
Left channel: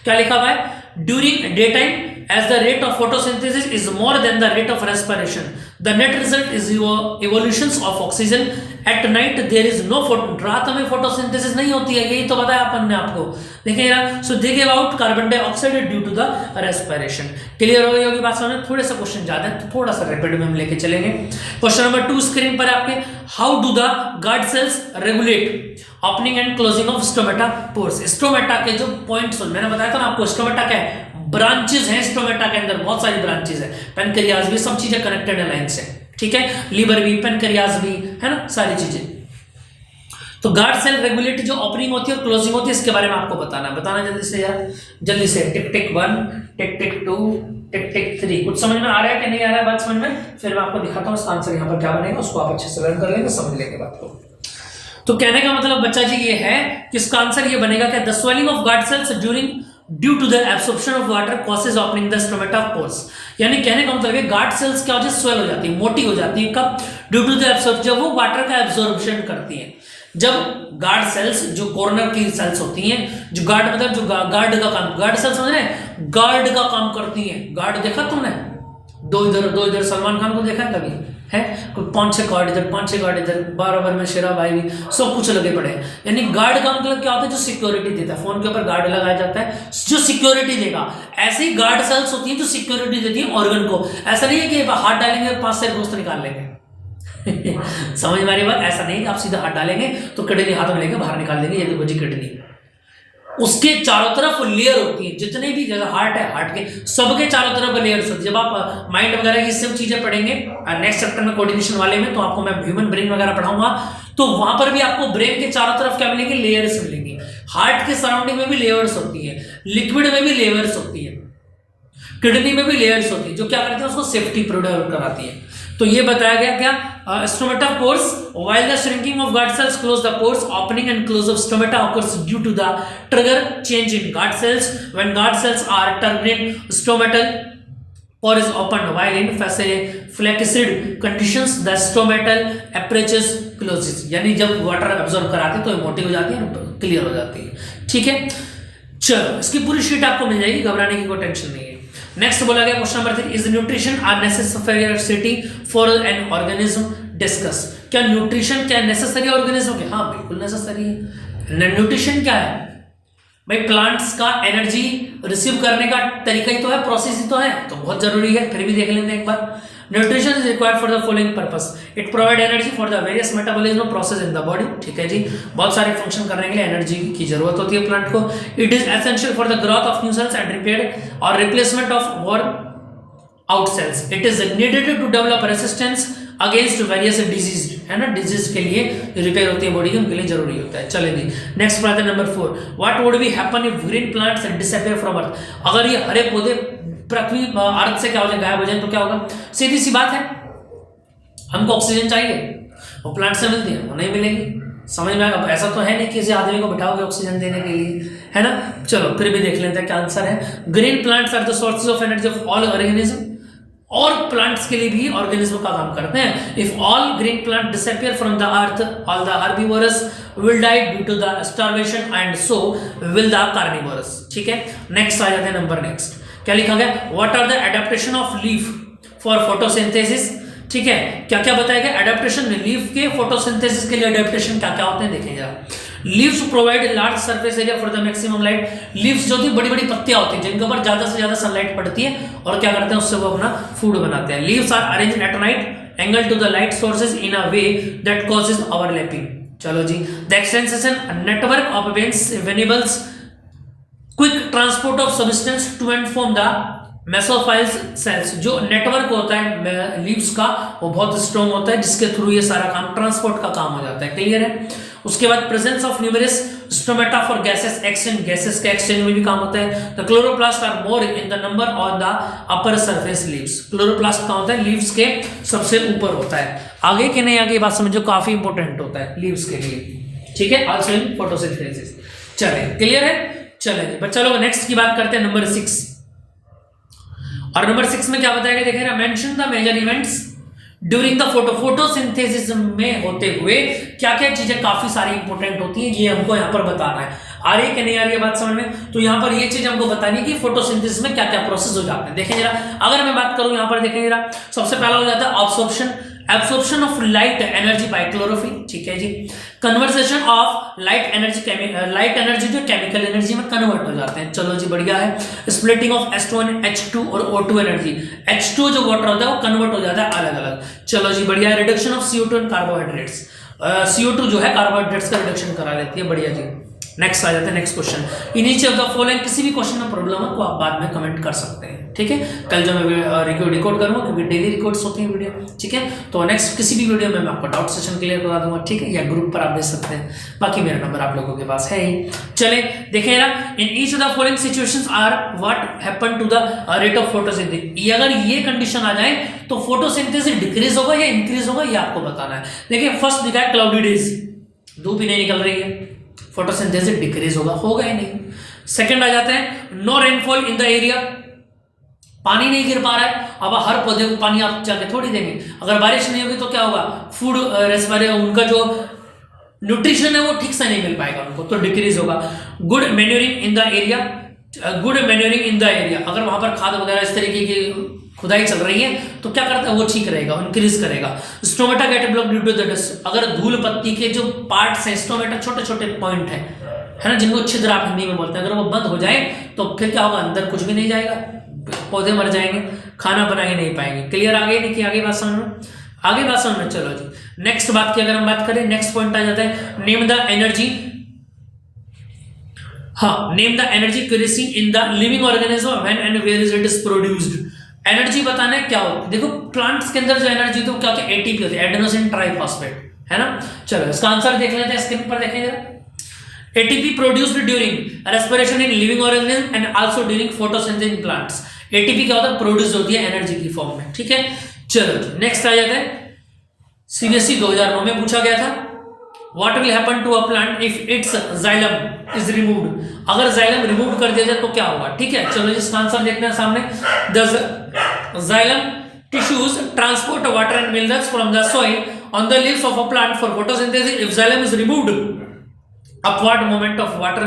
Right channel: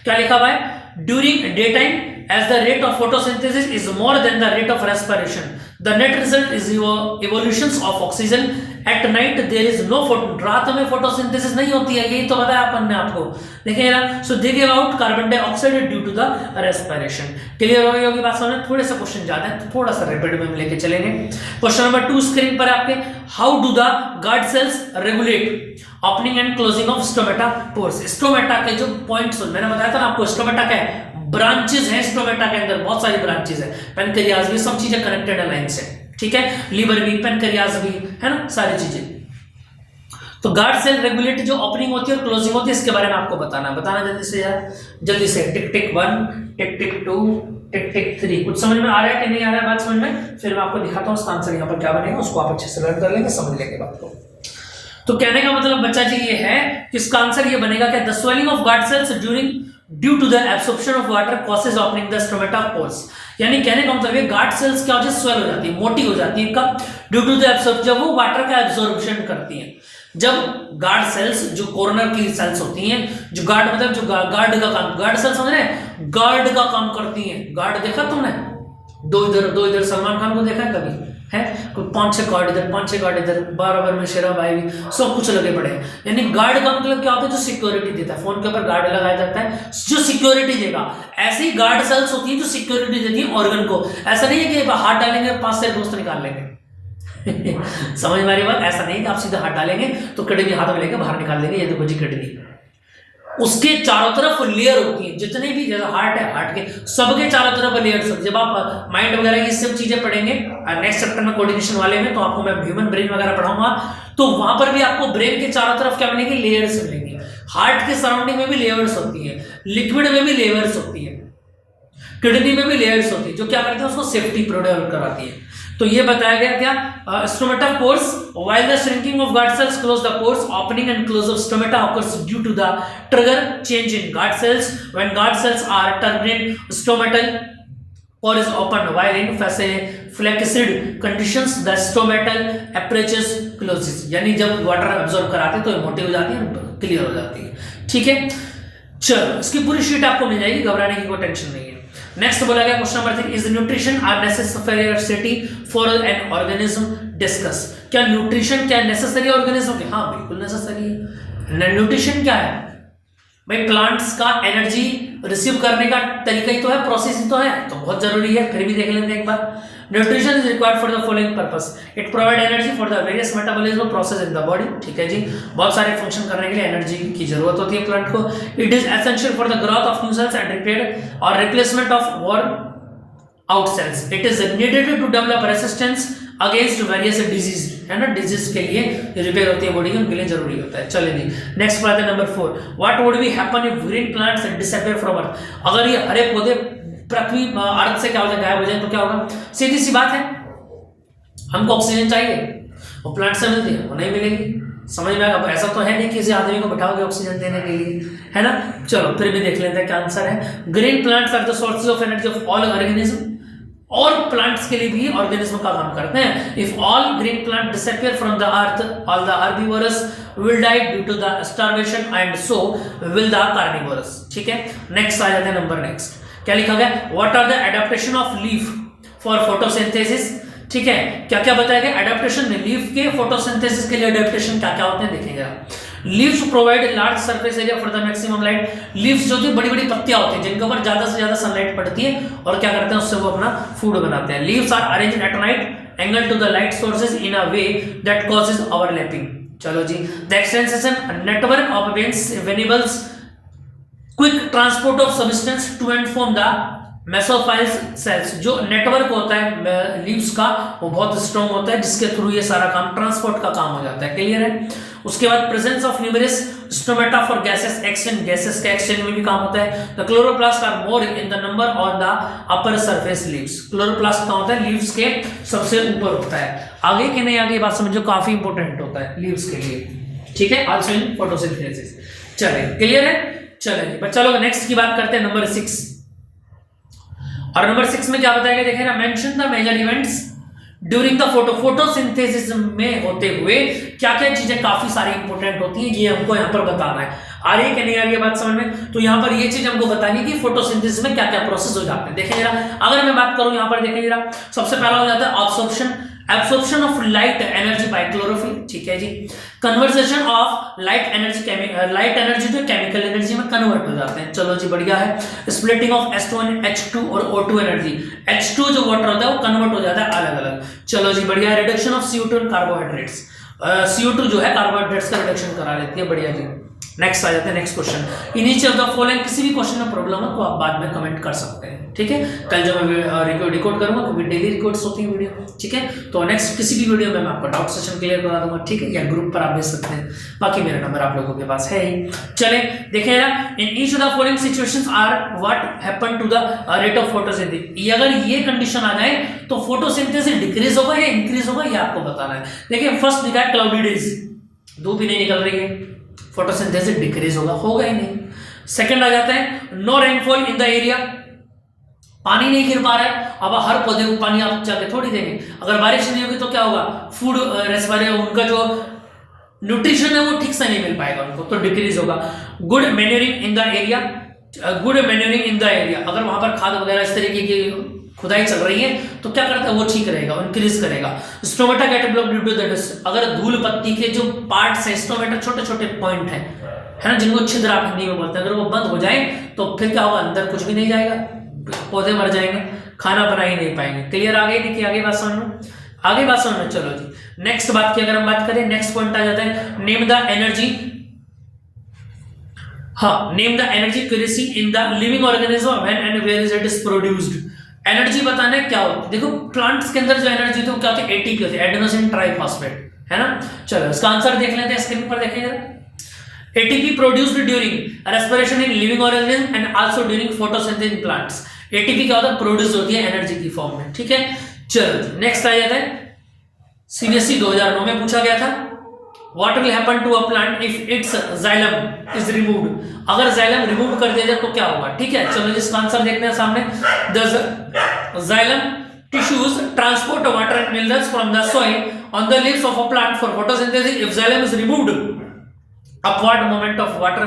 क्या लिखा हुआ है, during day time as the rate of photosynthesis is more than the rate of respiration, the net result is evolutions of oxygen. At night there is no रात में फोटोसिंथेसिस नहीं होती है, यही तो बताया अपन ने आपको। देखिए ना, so they give out carbon dioxide due to the respiration. Clear हो गई होगी बात समझ में। थोड़े से क्वेश्चन ज्यादा है तो थोड़ा सा रैपिड में हम लेके चलेंगे। क्वेश्चन नंबर 2 स्क्रीन पर आपके, how do the guard cells regulate opening and closing of stomata pores. Stomata के जो पॉइंट्स मैंने बताया था ना आपको, स्टोमेटा क्या है, ब्रांचेस हैं स्टोमेटा के अंदर, बहुत सारी ब्रांचेस है, पेनक्रियाज भी, सब चीजें कनेक्टेड है लाइन से, ठीक है, लीवर भी, पेनक्रियाज भी, है ना, सारी चीजें। तो गार्ड सेल रेगुलेट जो ओपनिंग होती है और क्लोजिंग होती है, इसके बारे में आपको बताना जल्दी से यार, जल्दी से। टिक टिक 1, टिक टिक 2, टिक टिक 3। कुछ समझ में आ रहा है कि नहीं आ रहा है बात समझ में, फिर मैं आपको दिखाता हूँ इसका आंसर यहाँ पर क्या बनेगा, उसको आप अच्छे से लर्न कर लेंगे, समझ लेंगे बात को। तो कहने का मतलब बच्चा जी ये है कि इसका आंसर ये बनेगा कि the swelling of guard cells during due to the absorption of water causes opening the stomata pores. यानी कहने का मतलब है गार्ड सेल्स क्या हो जाती है, स्वेल हो जाती है, मोटी हो जाती है। कब? ड्यू टू द एब्सॉर्प्शन, जब वो वाटर का एब्जॉर्प्शन करती है। जब गार्ड सेल्स जो कॉर्नर की सेल्स होती हैं, जो गार्ड मतलब जो गार्ड का काम, गार्ड सेल्स समझ रहे हैं, गार्ड का काम करती हैं। गार्ड देखा तुमने? दो इधर सलमान खान को देखा कभी है? कोई 5-6 गार्ड इधर, 5-6 गार्ड इधर, बराबर में शेरा भाई भी सब कुछ लगे पड़े हैं। यानी गार्ड का मतलब क्या होता है? जो सिक्योरिटी देता है। फोन के ऊपर गार्ड लगाया जाता है जो सिक्योरिटी देगा। ऐसी गार्ड सेल्स होती है जो सिक्योरिटी देती है ऑर्गन को। ऐसा नहीं है कि हाथ डालेंगे 5 से दोस्त निकाल लेंगे समझ में आ रही बात? ऐसा नहीं है कि आप सीधा हाथ डालेंगे तो किडनी हाथ में लेके बाहर निकाल देंगे, ये देखो जी किडनी। उसके चारों तरफ लेयर होती है, जितने भी, जैसा हार्ट है, हार्ट के सबके चारों तरफ लेयर्स होती है। जब आप माइंड वगैरह की सब चीजें पढ़ेंगे नेक्स्ट चैप्टर में कोऑर्डिनेशन वाले में, तो आपको मैं ह्यूमन ब्रेन वगैरह पढ़ाऊंगा, तो वहां पर भी आपको ब्रेन के चारों तरफ क्या मिलेंगे? लेयर्स मिलेंगे। हार्ट के सराउंडिंग में भी लेयर्स होती है, लिक्विड में भी लेयर्स होती है, किडनी में भी लेयर्स होती है, जो क्या करते हैं उसको सेफ्टी प्रोवाइड कराती है। तो ये बताया गया क्या? Stomata pores, while the shrinking of guard cells close the pores, opening and close of stomata occurs due to the trigger change in guard cells. When guard cells are terminate, stomatal pore is opened, while in flaccid conditions the stomatal apertures closes. यानी जब water absorb कराते हैं तो ये मोटी हो जाती है, क्लियर हो जाती है। ठीक है, चलो इसकी पूरी शीट आपको मिल जाएगी, घबराने की कोई टेंशन नहीं है। नेक्स्ट बोला गया question number 3, is nutrition are necessary for an organism? Discuss. क्या न्यूट्रिशन क्या नेसेसरी ऑर्गेनिज्म के? हाँ बिल्कुल नेसेसरी है। न्यूट्रिशन क्या है भाई? प्लांट्स का एनर्जी रिसीव करने का तरीका ही तो है, प्रोसेस ही तो है, तो बहुत जरूरी है। फिर भी देख लेते हैं एक बार। Nutrition is required for the following purpose, it provide energy for the various metabolism process in the body. ठीक है जी, बहुत सारे फंक्शन करने के लिए एनर्जी की जरूरत होती है प्लांट को। It is essential for the growth of new cells and repair और replacement of worn out cells. It is needed to develop resistance against various disease, है ना? डिजीज के लिए रिपेयर होती है बॉडी की, उनके लिए जरूरी होता है। चलिए जी नेक्स्ट बात है number 4, what would be happen if green plants disappear from earth? अगर ये हरे पौधे पृथ्वी अर्थ से क्या हो जाए, गायब हो जाए, तो क्या होगा? सीधी सी बात है, हमको ऑक्सीजन चाहिए, वो प्लांट से मिलती है, वो नहीं मिलेगी। समझ में? अब ऐसा तो है नहीं किसी आदमी को बिठाओगे ऑक्सीजन देने के लिए, है ना? चलो फिर भी देख लेते हैं क्या आंसर है। Green plants are the sources of energy of all organism, और प्लांट्स के लिए भी ऑर्गेनिज्म का काम करते हैं। If all green plant disappear from the earth, all the herbivorous will die due to the starvation and so will the carnivorous. ठीक है, नेक्स्ट आ जाता है नंबर नेक्स्ट। क्या लिखा गया? What are the adaptation of leaf for photosynthesis? ठीक है, क्या क्या बताया गया? एडेप्टेशन में लीफ के फोटोसिंथेसिस के लिए एडेप्टेशन क्या क्या होते हैं देखिएगा। Leaves provide large surface area for the maximum light. Leaves जो होती है बड़ी बड़ी पत्तियां होती हैं जिनके ऊपर ज्यादा से ज्यादा सनलाइट पड़ती है, और क्या करते हैं उससे वो अपना फूड बनाते हैं। Leaves are arranged at right angle to the light sources in a way that causes overlapping. चलो जी, the extension network of veins enables quick transport of substance to and from the mesophylls cells. जो network होता है leaves का वो बहुत strong होता है, जिसके थ्रू ये सारा काम ट्रांसपोर्ट का काम हो जाता है। क्लियर है? उसके बाद presence of numerous stomata for gases exchange, gases के एक्सचेंज में भी काम होता है। The chloroplast are more in the number on the upper surface leaves. Chloroplast का होता है लीव्स के सबसे ऊपर होता है। आगे के नहीं आगे बात समझो, काफी इंपॉर्टेंट होता है लीव्स के लिए। ठीक है, आल्सो इन फोटोसिंथेसिस। चलिए क्लियर है? चलिए बच्चा लोग नेक्स्ट की बात करते हैं नंबर 6। और नंबर 6 में क्या बताया गया देखिए ना, mention the major events during the photosynthesis में होते हुए क्या क्या चीजें काफी सारी इंपॉर्टेंट होती हैं, ये हमको यहाँ पर बताना है। आ रही है कि नहीं आ रही है बात समझ में? तो यहाँ पर ये चीज हमको बतानी कि फोटोसिंथेसिस में क्या क्या प्रोसेस हो जाते हैं। देखिए जरा, अगर मैं बात करूं यहाँ पर देखिए जरा, सबसे पहला हो जाता है absorption, absorption of light energy by chlorophyll. ठीक है जी, कन्वर्सेशन ऑफ लाइट एनर्जी जो केमिकल एनर्जी में कन्वर्ट हो जाते हैं। चलो जी बढ़िया है। स्प्लिटिंग ऑफ H2 H2 और O2 एनर्जी, H2 जो वाटर होता है वो कन्वर्ट हो जाता है अलग अलग। चलो जी बढ़िया। Reduction of CO2 and carbohydrates, CO2 जो है कार्बोहाइड्रेट्स का रिडक्शन करा लेती है। बढ़िया जी। नेक्स्ट आ जाते हैं next question. In each of the following, किसी भी क्वेश्चन में प्रॉब्लम हो तो आप बाद में कमेंट कर सकते हैं। ठीक है, कल जो मैं रिकॉर्ड करूंगा क्योंकि डेली रिकॉर्ड्स होती है वीडियो। ठीक है, तो नेक्स्ट किसी भी वीडियो में मैं आपका डाउट सेशन क्लियर करा दूंगा। ठीक है, या ग्रुप पर आप भेज सकते हैं, बाकी मेरा नंबर आप लोगों के पास है ही। चले देखिए यार, in each of the following situations are what happen to the rate of photosynthesis. अगर ये कंडीशन आ जाए तो फोटोसिंथेसिस डिक्रीज होगा या इंक्रीज होगा, ये आपको बताना है। देखिए फर्स्ट दिखा है क्लाउडी डेज, धूप ही नहीं निकल रही है, फोटोसिंथेसिस डिक्रीज होगा ही नहीं। सेकंड आ जाते हैं no rainfall in the area, पानी नहीं गिर पा रहा है। अब हर पौधे को पानी आप जाके थोड़ी देंगे, अगर बारिश नहीं होगी तो क्या होगा, फूड रेस्पायरेशन, उनका जो न्यूट्रिशन है वो ठीक से नहीं मिल पाएगा उनको, तो डिक्रीज होगा। Good manuring in the area, good manuring in the area, अगर वहां पर खाद वगैरह इस तरीके की खुदाई चल रही है तो क्या करता है वो ठीक रहेगा, इंक्रीज करेगा। Stomata get block due to the dust, अगर धूल पत्ती के जो पार्ट्स हैं, स्टोमेटा छोटे छोटे पॉइंट है ना, जिनको छिद्र आप हिंदी में बोलते हैं, अगर वो बंद हो जाए तो फिर क्या होगा, अंदर कुछ भी नहीं जाएगा, पौधे मर जाएंगे, खाना बना ही नहीं पाएंगे। क्लियर आ गई नहीं थी, आगे बात समझ में, आगे बात समझ में। चलो जी नेक्स्ट बात की अगर हम बात करें, नेक्स्ट पॉइंट आ जाता है नेम द एनर्जी, हाँ name the energy creasing in the living organism when and where is it is produced. Energy बताना है क्या होता है, देखो प्लांट्स के अंदर जो एनर्जी तो क्या होता है, एटीपी होती है, एडेनोसिन ट्राइफॉस्फेट, है ना। चलो इसका आंसर देख लेते हैं, स्क्रीन पर देखेंगे। ATP produced during respiration in living organism and also during photosynthesis in plants। ATP क्या होता है, प्रोड्यूस होती है एनर्जी की फॉर्म में, ठीक है। चलो नेक्स्ट आ जाता है, CBSE 2009 में पूछा गया था, what will happen to a plant if its xylem is removed, अगर जाइलम रिमूव कर दिया जाए तो क्या होगा, ठीक है। चलो इसका आंसर देखते हैं सामने। The xylem tissues transport water and minerals from the soil on the leaves of a plant for photosynthesis। if xylem is removed, upward movement of water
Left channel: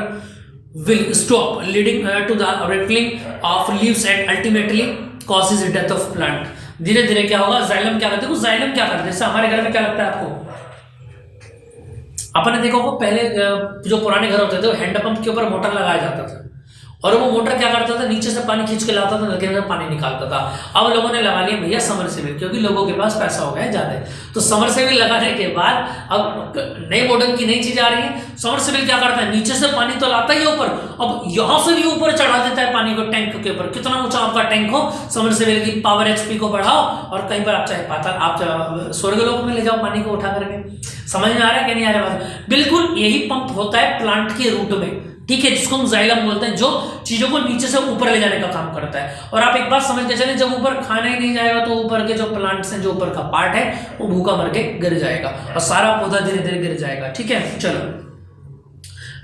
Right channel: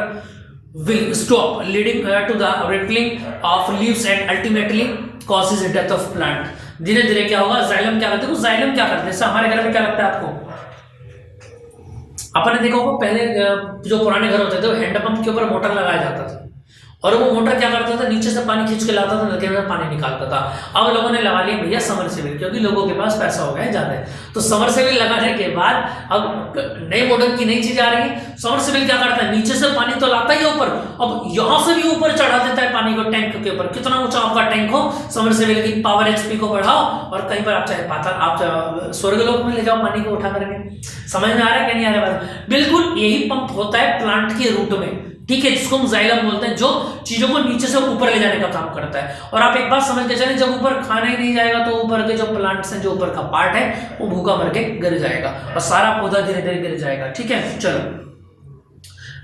will stop, leading to the rippling of leaves and ultimately causes the death of plant। धीरे धीरे क्या होगा, xylem क्या करते हैं, xylem क्या करते हैं, जैसे हमारे घर में क्या लगता है आपको, आपने देखा होगा पहले जो पुराने घर होते थे तो हैंडपंप के ऊपर मोटर लगाया जाता था, और वो मोटर क्या करता था, नीचे से पानी खींच के लाता था, नदी में पानी निकालता था। अब लोगों ने लगा लिया भैया समरसेबिल, क्योंकि लोगों के पास पैसा हो गया ज्यादा, तो समरसेबिल लगाने के बाद अब नए मॉडल की नई चीज आ रही है। समरसेबिल क्या करता है, नीचे से पानी तो लाता ही ऊपर, अब यहां से भी ऊपर चढ़ा देता है पानी को टैंक के ऊपर, कितना ऊंचा आपका टैंक हो, समरसेबिल की पावर HP को बढ़ाओ, और कहीं पर आप चाहे पाताल, आप स्वर्गलोक में ले जाओ पानी को उठा करके। समझ में आ रहा है कि नहीं आ रहा है? बिल्कुल यही पंप होता है प्लांट के रूट में, ठीक है, जिसको हम जाइलम बोलते हैं, जो चीजों को नीचे से ऊपर ले जाने का काम करता है। और आप एक बात समझ के चलें, जब ऊपर खाना ही नहीं जाएगा तो ऊपर के जो प्लांट्स हैं, जो ऊपर का पार्ट है वो भूखा मर के गिर जाएगा और सारा पौधा धीरे धीरे गिर जाएगा, ठीक है। चलो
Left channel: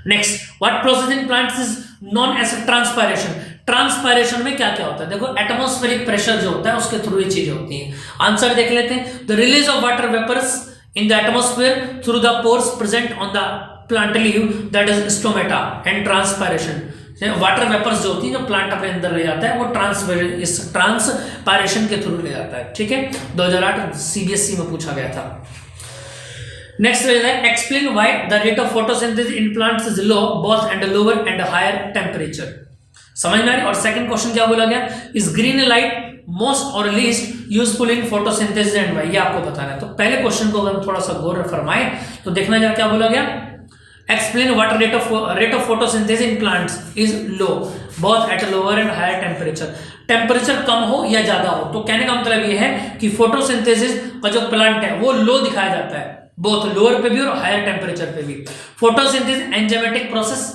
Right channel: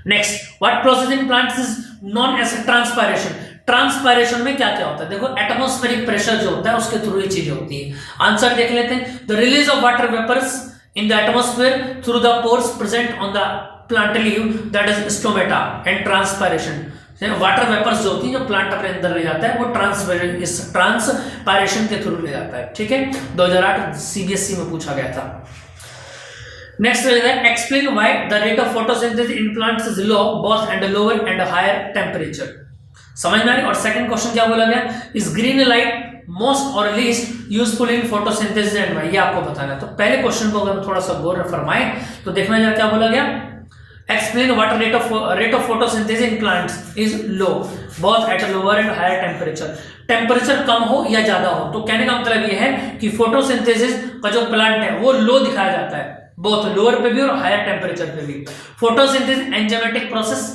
next, what process in plants is known as transpiration. Transpiration में क्या क्या होता है, देखो एटमॉस्फेरिक प्रेशर जो होता है उसके थ्रू ये चीजें होती है। आंसर देख लेते हैं, the release of water vapours in the atmosphere through the pores present on the plant leaf, that is stomata, and transpiration। Water vapours जो होती है जो प्लांट अपने अंदर ले जाता है वो ट्रांसपायरेशन के थ्रू ले जाता है, ठीक है। 2008 CBSE में पूछा गया था। नेक्स्ट है, explain why the rate of photosynthesis in plants is low both and lower and higher temperature. समझ में आ रही। और सेकंड क्वेश्चन क्या बोला गया, इज ग्रीन लाइट मोस्ट और least useful in photosynthesis and why, ये आपको बताना है। तो पहले क्वेश्चन को अगर थोड़ा सा गौर फरमाएं तो देखना जाए क्या बोला गया, explain what rate of photosynthesis in plants is low both at lower and higher temperature. Temperature कम हो या ज्यादा हो, तो कहने का मतलब ये है कि फोटोसिंथेसिस का जो प्लांट है वो लो दिखाया जाता है, बोथ लोअर पे भी और हायर टेम्परेचर पे भी। फोटोसिंथेसिस एंजाइमेटिक प्रोसेस,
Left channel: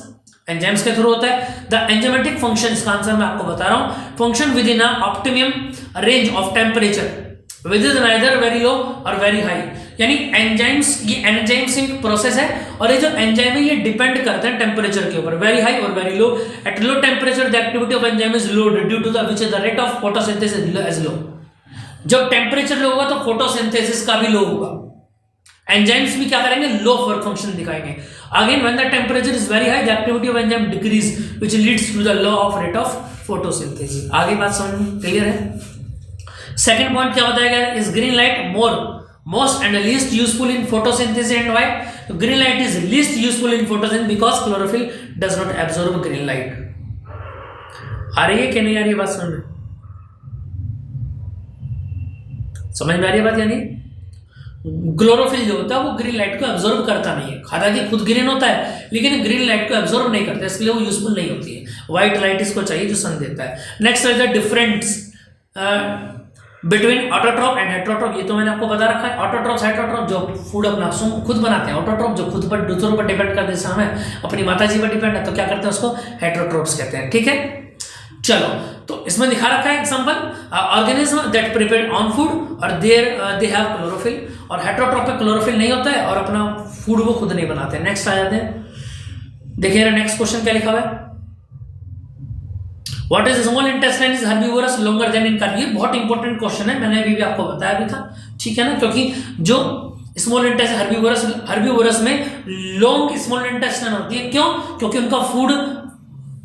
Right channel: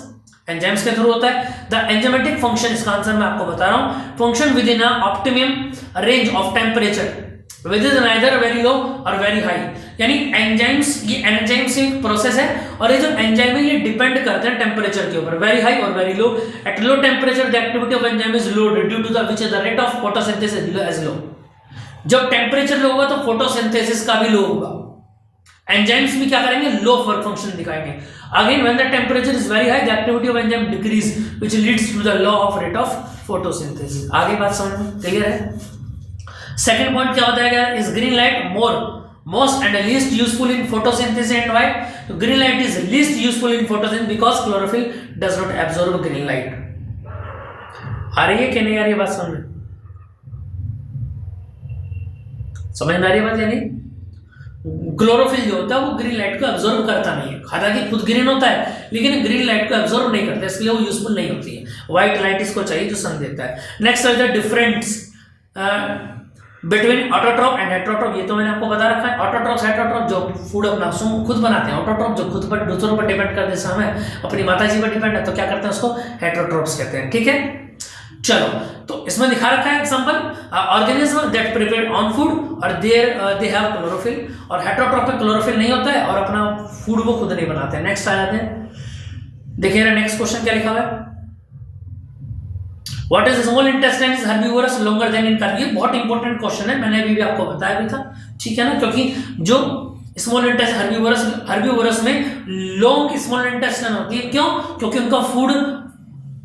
एंजाइम्स के थ्रू होता है। द एंजाइमेटिक फंक्शन, इसका आंसर मैं आपको बता रहा हूं, function with in optimum range of temperature with in neither very low और वेरी हाई। यानी एंजाइम्स, ये एंजाइम्स प्रोसेस है और ये जो एंजाइम है ये डिपेंड करते हैं टेम्परेचर के ऊपर, वेरी हाई और very low. At low temperature the activity of enzyme is low due to the which the rate of photosynthesis is low. जब टेम्परेचर लो होगा तो फोटोसिंथेसिस का भी लो होगा, एंजाइम्स भी क्या करेंगे, लो वर्क फंक्शन दिखाएंगे। Again when the temperature is very high the activity of enzyme decrease which leads to the low of rate of photosynthesis. आगे बात समझ में क्लियर है। सेकंड पॉइंट क्या बताया गया, is green light most and least useful in photosynthesis and why. तो green light is least useful in photosynthesis because chlorophyll does not absorb green light. आ रही है कि नहीं आ रही है बात समझ में, समझ में आ रही है बात। यानी क्लोरोफिल जो होता है वो ग्रीन लाइट को एब्जॉर्ब करता नहीं है, हालांकि खुद ग्रीन होता है लेकिन ग्रीन लाइट को एब्जॉर्ब नहीं करता, इसलिए वो यूजफुल नहीं होती है। व्हाइट लाइट इसको चाहिए जो सन देता है। नेक्स्ट है डिफरेंस बिटवीन ऑटोट्रॉप एंड हेटेरोट्रॉप, ये तो मैंने आपको बता रखा है। ऑटोट्रॉप हेटेरोट्रॉप जो फूड अपना खुद बनाते हैं, ऑटोट्रॉप जो खुद पर दूसरों पर डिपेंड करते हैं, जैसे हमें अपनी माता जी पर डिपेंड है तो क्या करते हैं उसको हेटेरोट्रॉप्स कहते हैं, ठीक है। चलो तो इसमें दिखा रखा है example, organism that prepare on food और देयर दे हैव क्लोरोफिल, और हेटेरोट्रॉप पे क्लोरोफिल नहीं होता है और अपना फूड वो खुद नहीं बनाते हैं। नेक्स्ट आ जाते हैं, देखिए नेक्स्ट क्वेश्चन क्या लिखा हुआ है, what is small intestine is herbivorous longer than in carnivorous. ये बहुत इंपॉर्टेंट क्वेश्चन है, मैंने अभी भी आपको बताया भी था, ठीक है ना, क्योंकि जो स्मॉल इंटेस्टाइन हर्बीवोरस में लॉन्ग स्मॉल इंटेस्टाइन होती है। क्यों? क्योंकि उनका फूड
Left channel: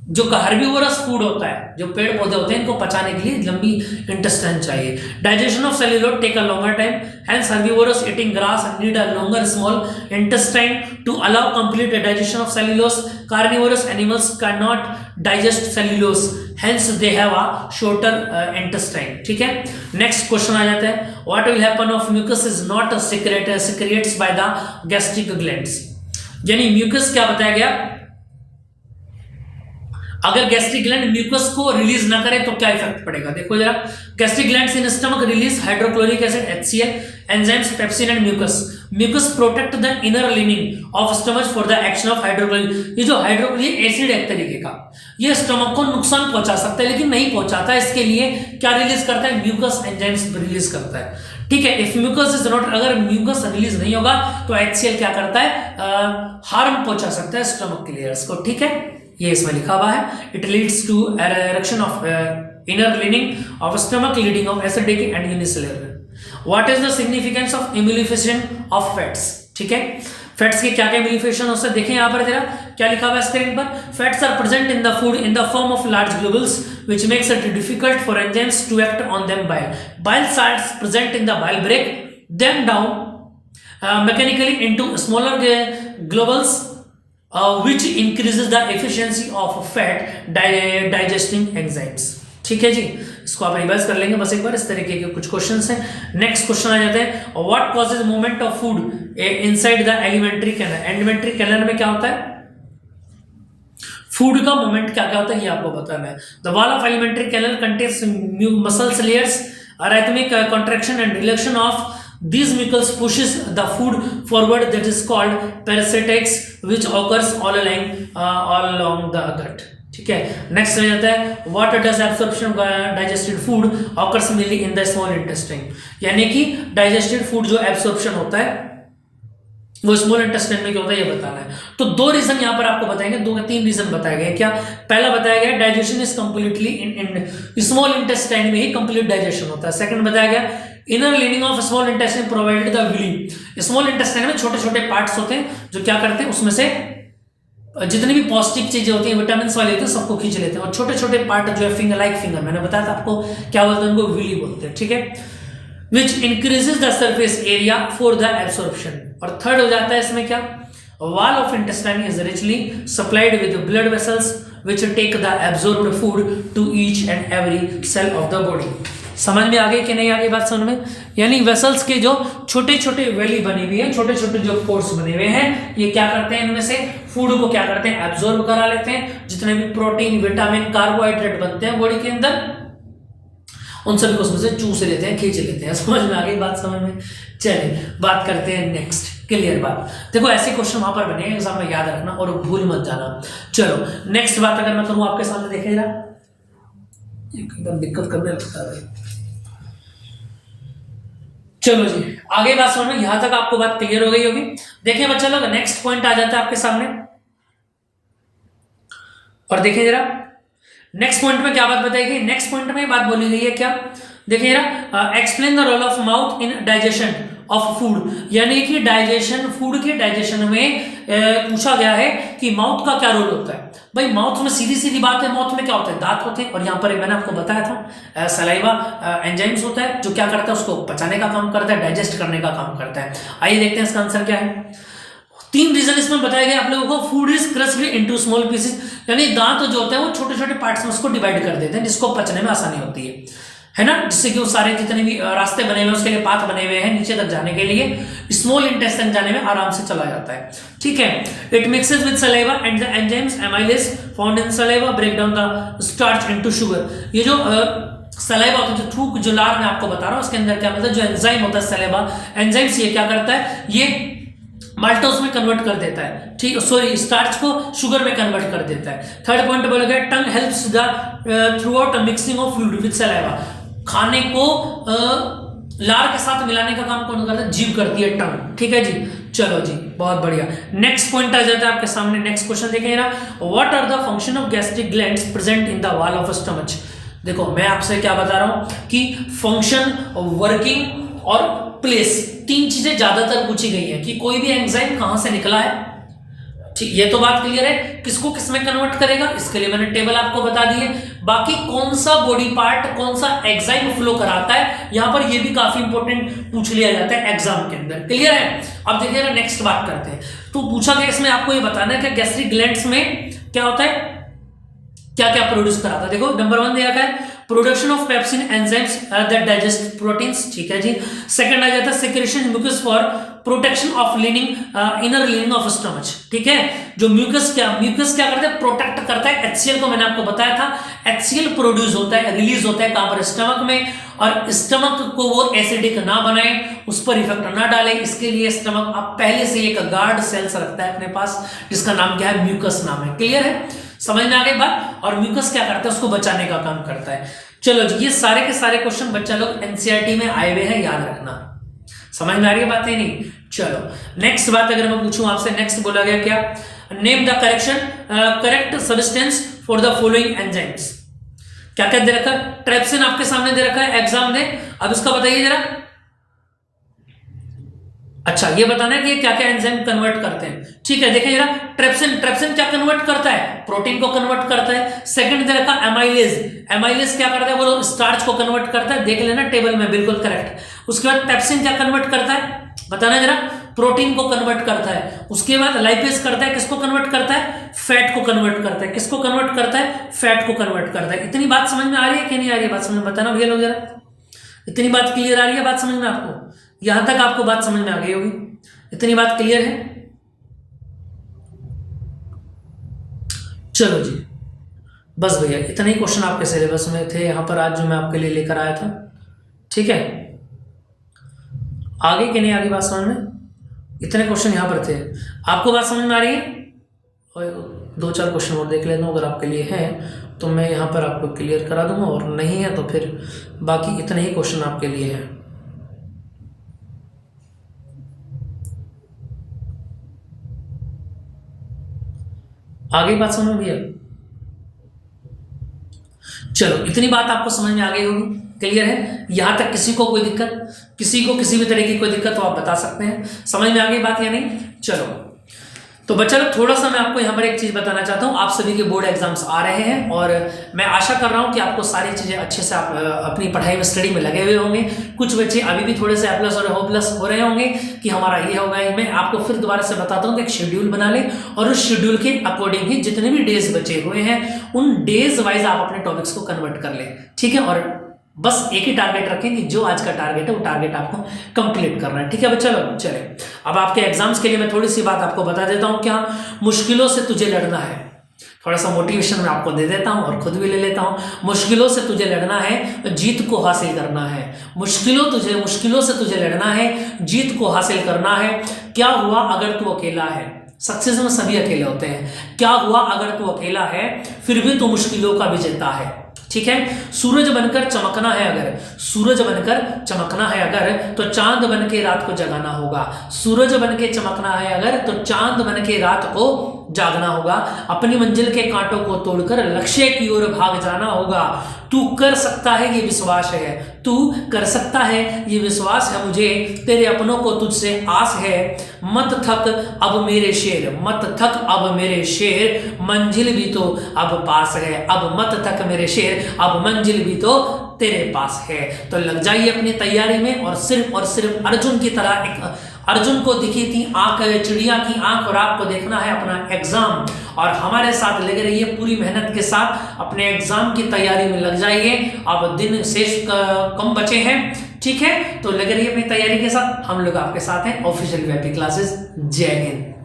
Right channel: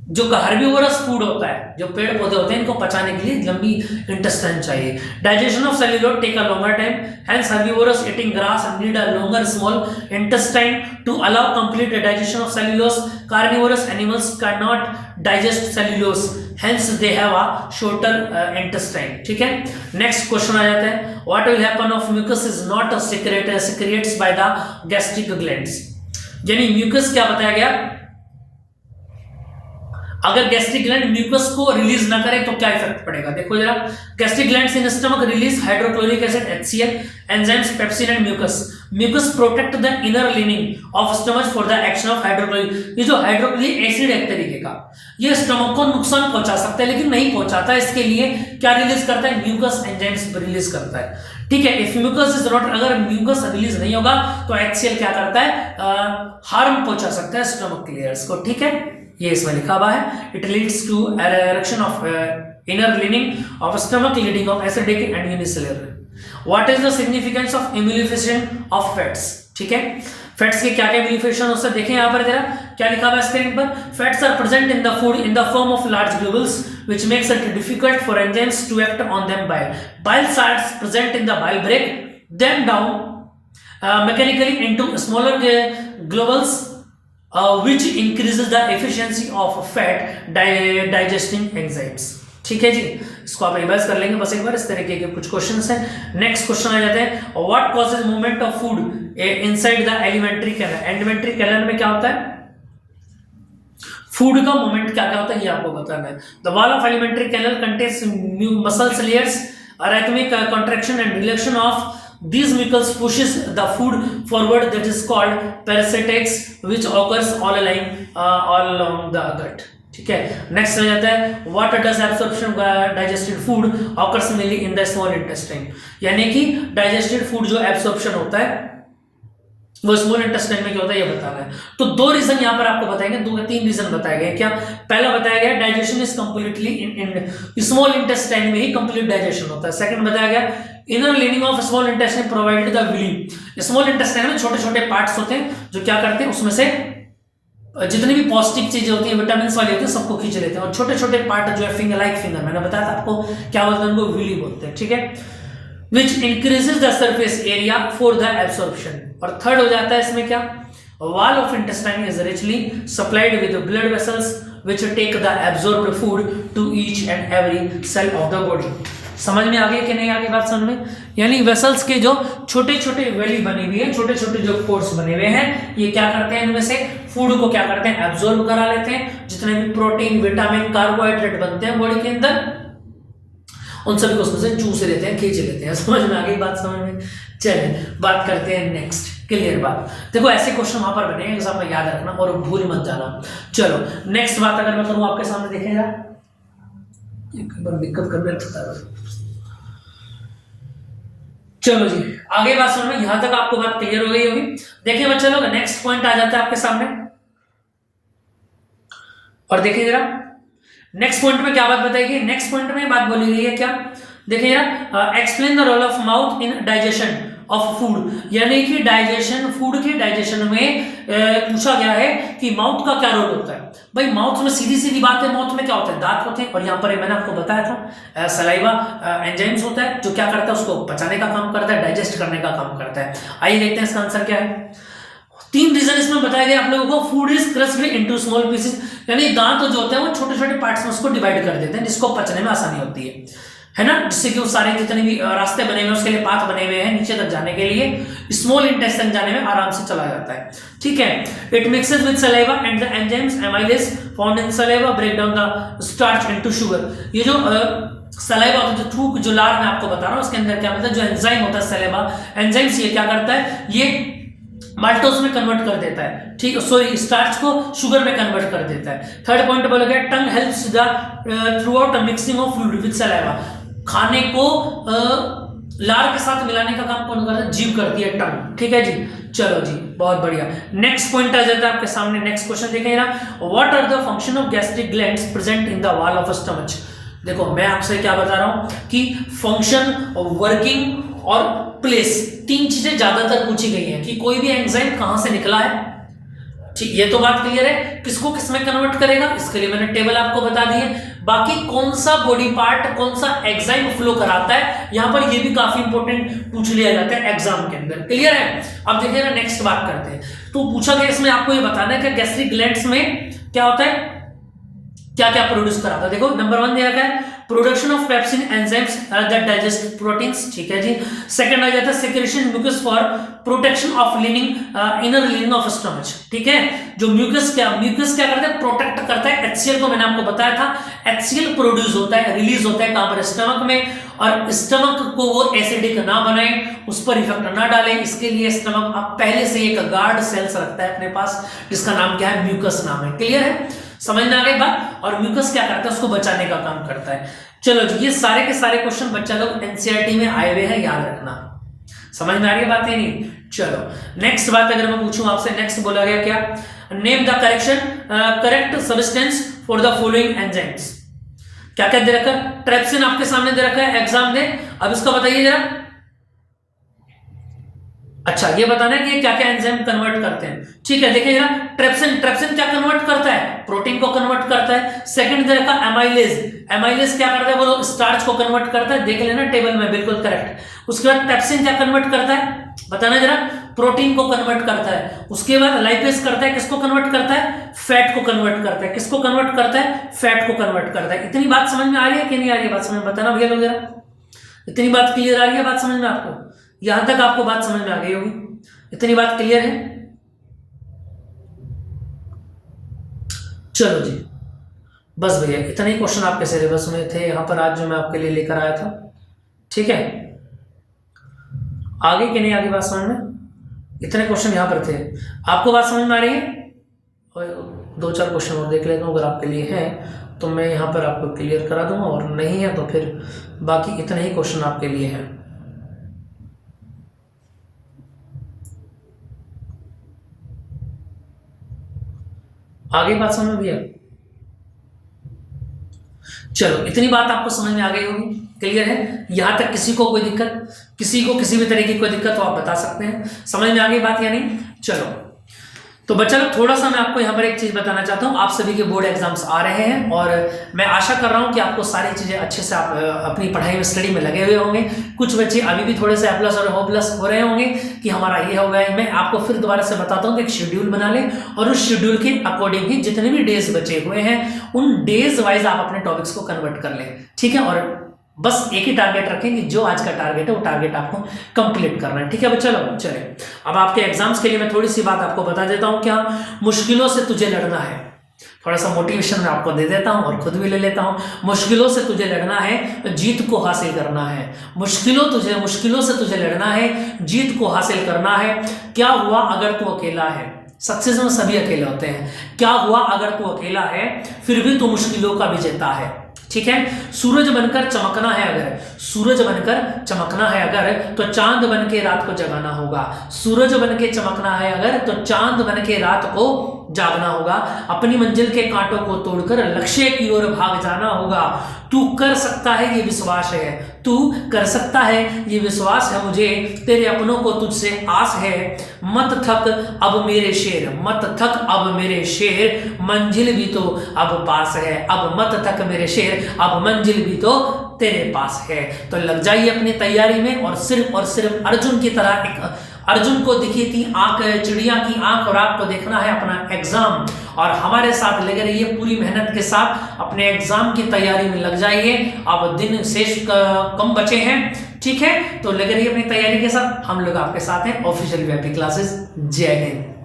जो हर्बीवोरस फूड होता है, जो पेड़ पौधे होते हैं, इनको पचाने के लिए लंबी इंटेस्टाइन चाहिए। Digestion of cellulose take a longer time, hence herbivorous eating grass need a longer small intestine to allow complete digestion of cellulose. Carnivorous animals can not digest cellulose, hence they have a shorter intestine. ठीक है, next question आ जाता है, what will happen of mucus is not secrets by the gastric glands. यानी mucus क्या बताया गया, अगर गैस्ट्रिक ग्लैंड म्यूकस को रिलीज ना करे तो क्या इफेक्ट पड़ेगा। देखो जरा, gastric glands in stomach release hydrochloric acid HCl, enzymes pepsin and mucus. Mucus protect the inner lining of stomach for the action of hydrochloric. ये जो हाइड्रोक्लोरिक एसिड है तरीके का, ये स्टमक को नुकसान पहुंचा सकता है लेकिन नहीं पहुंचाता। इसके लिए क्या रिलीज करता है, म्यूकस एंजाइम्स रिलीज करता है। ठीक है, इफ म्यूकस इज नॉट, अगर म्यूकस रिलीज नहीं होगा तो HCl क्या करता है, हार्म पहुंचा सकता है स्टमक के लेयर्स को। ठीक है, ये इसमें लिखा हुआ है, it leads to erection of inner lining of stomach leading of acidic and unicellular. What is the significance of emulsification of fats. ठीक है, फैट्स के क्या क्या इम्यूनिफिकेशन होता है, देखें यहाँ पर जरा क्या लिखा हुआ है स्क्रीन पर। Fats are present in the food in the form of large globules which makes it difficult for enzymes to act on them bile. Bile salts present in the bile break them down mechanically into smaller globules which increases the efficiency of fat digesting enzymes। ठीक है जी, इसको आप revise कर लेंगे बस एक बार, इस तरीके के कुछ क्वेश्चंस हैं। नेक्स्ट क्वेश्चन आ जाते हैं, what causes movement of food inside the alimentary canal. Alimentary canal में क्या होता है, फूड का मूवमेंट क्या क्या होता है ये आपको बताना है। The wall of alimentary canal contains muscles layers, rhythmic contraction and relaxation of these muscles pushes the food forward, that is called peristaltics, which occurs all along the gut। ठीक है, नेक्स्ट हो जाता है, what does absorption digested food occurs mainly in the small intestine. यानी कि digested food जो absorption होता है वो स्मॉल इंटेस्टाइन में क्या होता है ये बताना है। तो दो रीजन यहाँ पर आपको बताएंगे, दो या तीन रीजन बताए गए। क्या पहला बताया गया, digestion is completely in small intestine में ही कंप्लीट डाइजेशन होता है। सेकंड बताया गया, inner lining of small intestine provided the villi. Small intestine में छोटे छोटे पार्ट्स होते हैं जो क्या करते हैं, उसमें से जितनी भी पौष्टिक चीजें होती हैं, विटामिन वाली होती है, सबको खींच लेते हैं। और छोटे छोटे पार्ट जो है फिंगर लाइक फिंगर, मैंने बताया था आपको क्या बोलते हैं, उनको विली बोलते हैं। ठीक है, which increases the surface area for the absorption। और थर्ड हो जाता है इसमें क्या, wall of intestine is richly supplied with blood vessels which take the absorbed food to each and every cell of the body। समझ में आ गई कि नहीं आ गई बात समझ में। यानी वेसल्स के जो छोटे छोटे वैली बनी हुई है, छोटे छोटे जो पोर्स बने हुए हैं, ये क्या करते हैं, इनमें से फूड को क्या करते हैं, एब्जॉर्ब करा लेते हैं। जितने भी प्रोटीन विटामिन कार्बोहाइड्रेट बनते हैं बॉडी के अंदर, उन सभी को उसमें से चूस लेते हैं, खींच लेते हैं। समझ में आ गई बात समझ में। चलिए बात करते हैं नेक्स्ट, क्लियर बात। देखो ऐसे क्वेश्चन वहां पर बने हैं, एग्जाम में याद रखना और भूल मत जाना। चलो नेक्स्ट बात अगर मैं करूँ आपके सामने, देखेगा एक बार दिक्कत करने लगता है भाई। चलो जी आगे बात समझ में, यहां तक आपको बात क्लियर हो गई होगी। देखिए बच्चा लोग, नेक्स्ट पॉइंट आ जाता है आपके सामने, और देखिए जरा नेक्स्ट पॉइंट में क्या बात बताएगी। नेक्स्ट पॉइंट में बात बोली गई है क्या, देखिए explain the role of mouth in digestion of food. यानी कि डाइजेशन, फूड के डाइजेशन में पूछा गया है कि माउथ का क्या रोल होता है। भाई माउथ में सीधी सीधी बात है, माउथ में क्या होता है, दांत होते हैं। और यहाँ पर मैंने आपको बताया था सलाइवा एंजाइम्स होता है जो क्या करता है, उसको पचाने का काम करता है, डाइजेस्ट करने का काम करता है। आइए देखते हैं इसका आंसर क्या है। तीन रीजन इसमें बताया गया आप लोगों को। Food is crossed into small pieces, यानी दांत जो होते हैं वो छोटे छोटे पार्ट्स में उसको डिवाइड कर देते हैं, जिसको पचने में आसानी होती है ना, जिससे कि वो सारे जितने भी रास्ते बने हुए उसके लिए पाथ बने हुए हैं नीचे तक जाने के लिए, स्मॉल इंटेस्टाइन जाने में आराम से चला जाता है। ठीक है, it mixes with saliva and the enzymes amylase found in saliva break down the starch into sugar. ये जो सलाइवा होता है, जो थूक जो लार मैं आपको बता रहा हूँ, उसके अंदर क्या मतलब जो एंजाइम होता है सलाइवा एंजाइम्स, ये क्या करता है, ये माल्टोज में कन्वर्ट कर देता है। ठीक, सॉरी स्टार्च को शुगर में कन्वर्ट कर देता है। थर्ड पॉइंट बोला गया, tongue helps the throughout mixing of fluid with saliva. खाने को लार के साथ मिलाने का काम कौन करता है, जीभ करती है, टंग। ठीक है जी, चलो जी, बहुत बढ़िया। नेक्स्ट पॉइंट आ जाता है आपके सामने, नेक्स्ट क्वेश्चन देखें ना, what are the function of gastric glands present in the wall of stomach. देखो मैं आपसे क्या बता रहा हूं कि फंक्शन, वर्किंग और प्लेस, तीन चीजें ज्यादातर पूछी गई हैं कि कोई भी एंजाइम कहां से निकला है। ठीक, ये तो बात क्लियर है। किसको किस में कन्वर्ट करेगा, इसके लिए मैंने टेबल आपको बता दी है। बाकी कौन सा बॉडी पार्ट कौन सा एंजाइम फ्लो कराता है, यहां पर ये भी काफी इंपॉर्टेंट पूछ लिया जाता है एग्जाम के अंदर। क्लियर है। अब देखिए ना, नेक्स्ट बात करते हैं। तो पूछा गया इसमें आपको ये बताना है कि गैस्ट्रिक ग्लैंड्स में क्या होता है, क्या क्या प्रोड्यूस कराता है। देखो नंबर 1 दे रखा है production of pepsin enzymes that digest proteins. ठीक है जी। सेकंड आ जाता है secretion mucus for protection of lining, inner lining of stomach. ठीक है। जो म्यूकस क्या करता है, प्रोटेक्ट करता है HCl को, मैंने आपको बताया था HCl प्रोड्यूस होता है, रिलीज होता है कहां पर, स्टमक में। और स्टमक को वो एसिडिक ना बनाए, उस पर इफेक्ट ना डाले, इसके लिए स्टमक आप पहले से एक गार्ड सेल्स रखता है अपने पास, जिसका नाम क्या है, म्यूकस नाम है। क्लियर है, समझ में आ गई बात। और म्यूकस क्या करता है, उसको बचाने का काम करता है। चलो जी, ये सारे के सारे क्वेश्चन बच्चा लोग एनसीईआरटी में आए हुए हैं, याद रखना। समझ में आ रही है बात है नहीं। चलो नेक्स्ट बात अगर मैं पूछूं आपसे, नेक्स्ट बोला गया क्या, name the correct substance for the following enzymes. क्या क्या दे रखा है, ट्रेप्सिन आपके सामने दे रखा है एग्जाम में, अब इसका बताइए जरा। अच्छा, ये बताना है कि क्या क्या एंजाइम कन्वर्ट करते हैं। ठीक है, देखिए जरा, ट्रेप्सिन क्या कन्वर्ट करता है, प्रोटीन को कन्वर्ट करता है। सेकंड दे रखा एमाइलेज क्या करता है, बोलो स्टार्च को कन्वर्ट करता है, देख लेना टेबल में, बिल्कुल करेक्ट। उसके बाद पेप्सिन क्या कन्वर्ट करता है, बताना जरा, प्रोटीन को कन्वर्ट करता है। उसके बाद लाइपेज करता है, किसको कन्वर्ट करता है, फैट को कन्वर्ट करता है। किसको कन्वर्ट करता है, फैट को कन्वर्ट करता है। इतनी बात समझ में आ रही है कि नहीं आ रही है, बात समझ में बताना भैया लोग जरा। इतनी बात क्लियर आ रही है, बात समझ में आपको, यहां तक आपको बात समझ में आ गई होगी, इतनी बात क्लियर है। चलो जी, बस भैया इतने ही क्वेश्चन आपके सिलेबस में थे यहां पर आज जो मैं आपके लिए लेकर आया था। ठीक है, आगे कि नहीं आगे बात समझ में, इतने क्वेश्चन यहां पर थे, आपको बात समझ में आ रही है। और 2-4 क्वेश्चन और देख लेता हूं, अगर आपके लिए है तो मैं यहां पर आपको क्लियर करा दूंगा, और नहीं है तो फिर बाकी इतने ही क्वेश्चन आपके लिए हैं। आगे बात समझ में भैया। चलो इतनी बात आपको समझ में आ गई होगी, क्लियर है। यहां तक किसी को कोई दिक्कत, किसी को किसी भी तरह की कोई दिक्कत तो आप बता सकते हैं। समझ में आ गई बात या नहीं। चलो तो बच्चा लोग, थोड़ा सा मैं आपको यहाँ पर एक चीज बताना चाहता हूँ। आप सभी के बोर्ड एग्जाम्स आ रहे हैं और मैं आशा कर रहा हूँ कि आपको सारी चीजें अच्छे से आप अपनी पढ़ाई में, स्टडी में लगे हुए होंगे। कुछ बच्चे अभी भी थोड़े से A+ और O+ हो रहे होंगे कि हमारा ये हो गया। मैं आपको फिर दोबारा से बताता हूँ कि एक शेड्यूल बना ले, और उस शेड्यूल के अकॉर्डिंग ही जितने भी डेज बचे हुए हैं उन डेज वाइज आप अपने टॉपिक्स को कन्वर्ट कर लें। ठीक है, और बस एक ही टारगेट रखें कि जो आज का टारगेट है वो टारगेट आपको कंप्लीट करना है। ठीक है बच्चा लोग। चले अब आपके एग्जाम्स के लिए मैं थोड़ी सी बात आपको बता देता हूँ। क्या, मुश्किलों से तुझे लड़ना है, थोड़ा सा मोटिवेशन मैं आपको दे देता हूँ और खुद भी ले लेता हूँ। मुश्किलों से तुझे लड़ना है, जीत को हासिल करना है। मुश्किलों से तुझे लड़ना है, जीत को हासिल करना है। क्या हुआ अगर तू अकेला है, सक्सेस में सभी अकेले होते हैं। क्या हुआ अगर तू अकेला है, फिर भी तू मुश्किलों का विजेता है। ठीक है, सूरज बनकर चमकना है अगर तो चांद बन के रात को जगाना होगा। सूरज बन के चमकना है अगर तो चांद बन के रात को जागना होगा। अपनी मंजिल के कांटों को तोड़कर लक्ष्य की ओर भाग जाना होगा। तू कर सकता है ये विश्वास है, तू कर सकता है ये विश्वास है मुझे, तेरे अपनों को तुझसे आस है। मत थक अब मेरे शेर, मंजिल भी तो अब पास है। अब मत थक मेरे शेर, अब मंजिल भी तो तेरे पास है। तो लग जाइए अपनी तैयारी में, और सिर्फ अर्जुन की तरह, एक अर्जुन को दिखी थी आंख, चिड़िया की आंख, और आपको देखना है अपना एग्जाम। और हमारे साथ लगे रहिए, पूरी मेहनत के साथ अपने एग्जाम की तैयारी में लग जाइए। अब दिन शेष कम बचे हैं। ठीक है, तो लगे रहिए अपनी तैयारी के साथ, हम लोग आपके साथ हैं। Official VIP classes. जय हिंद।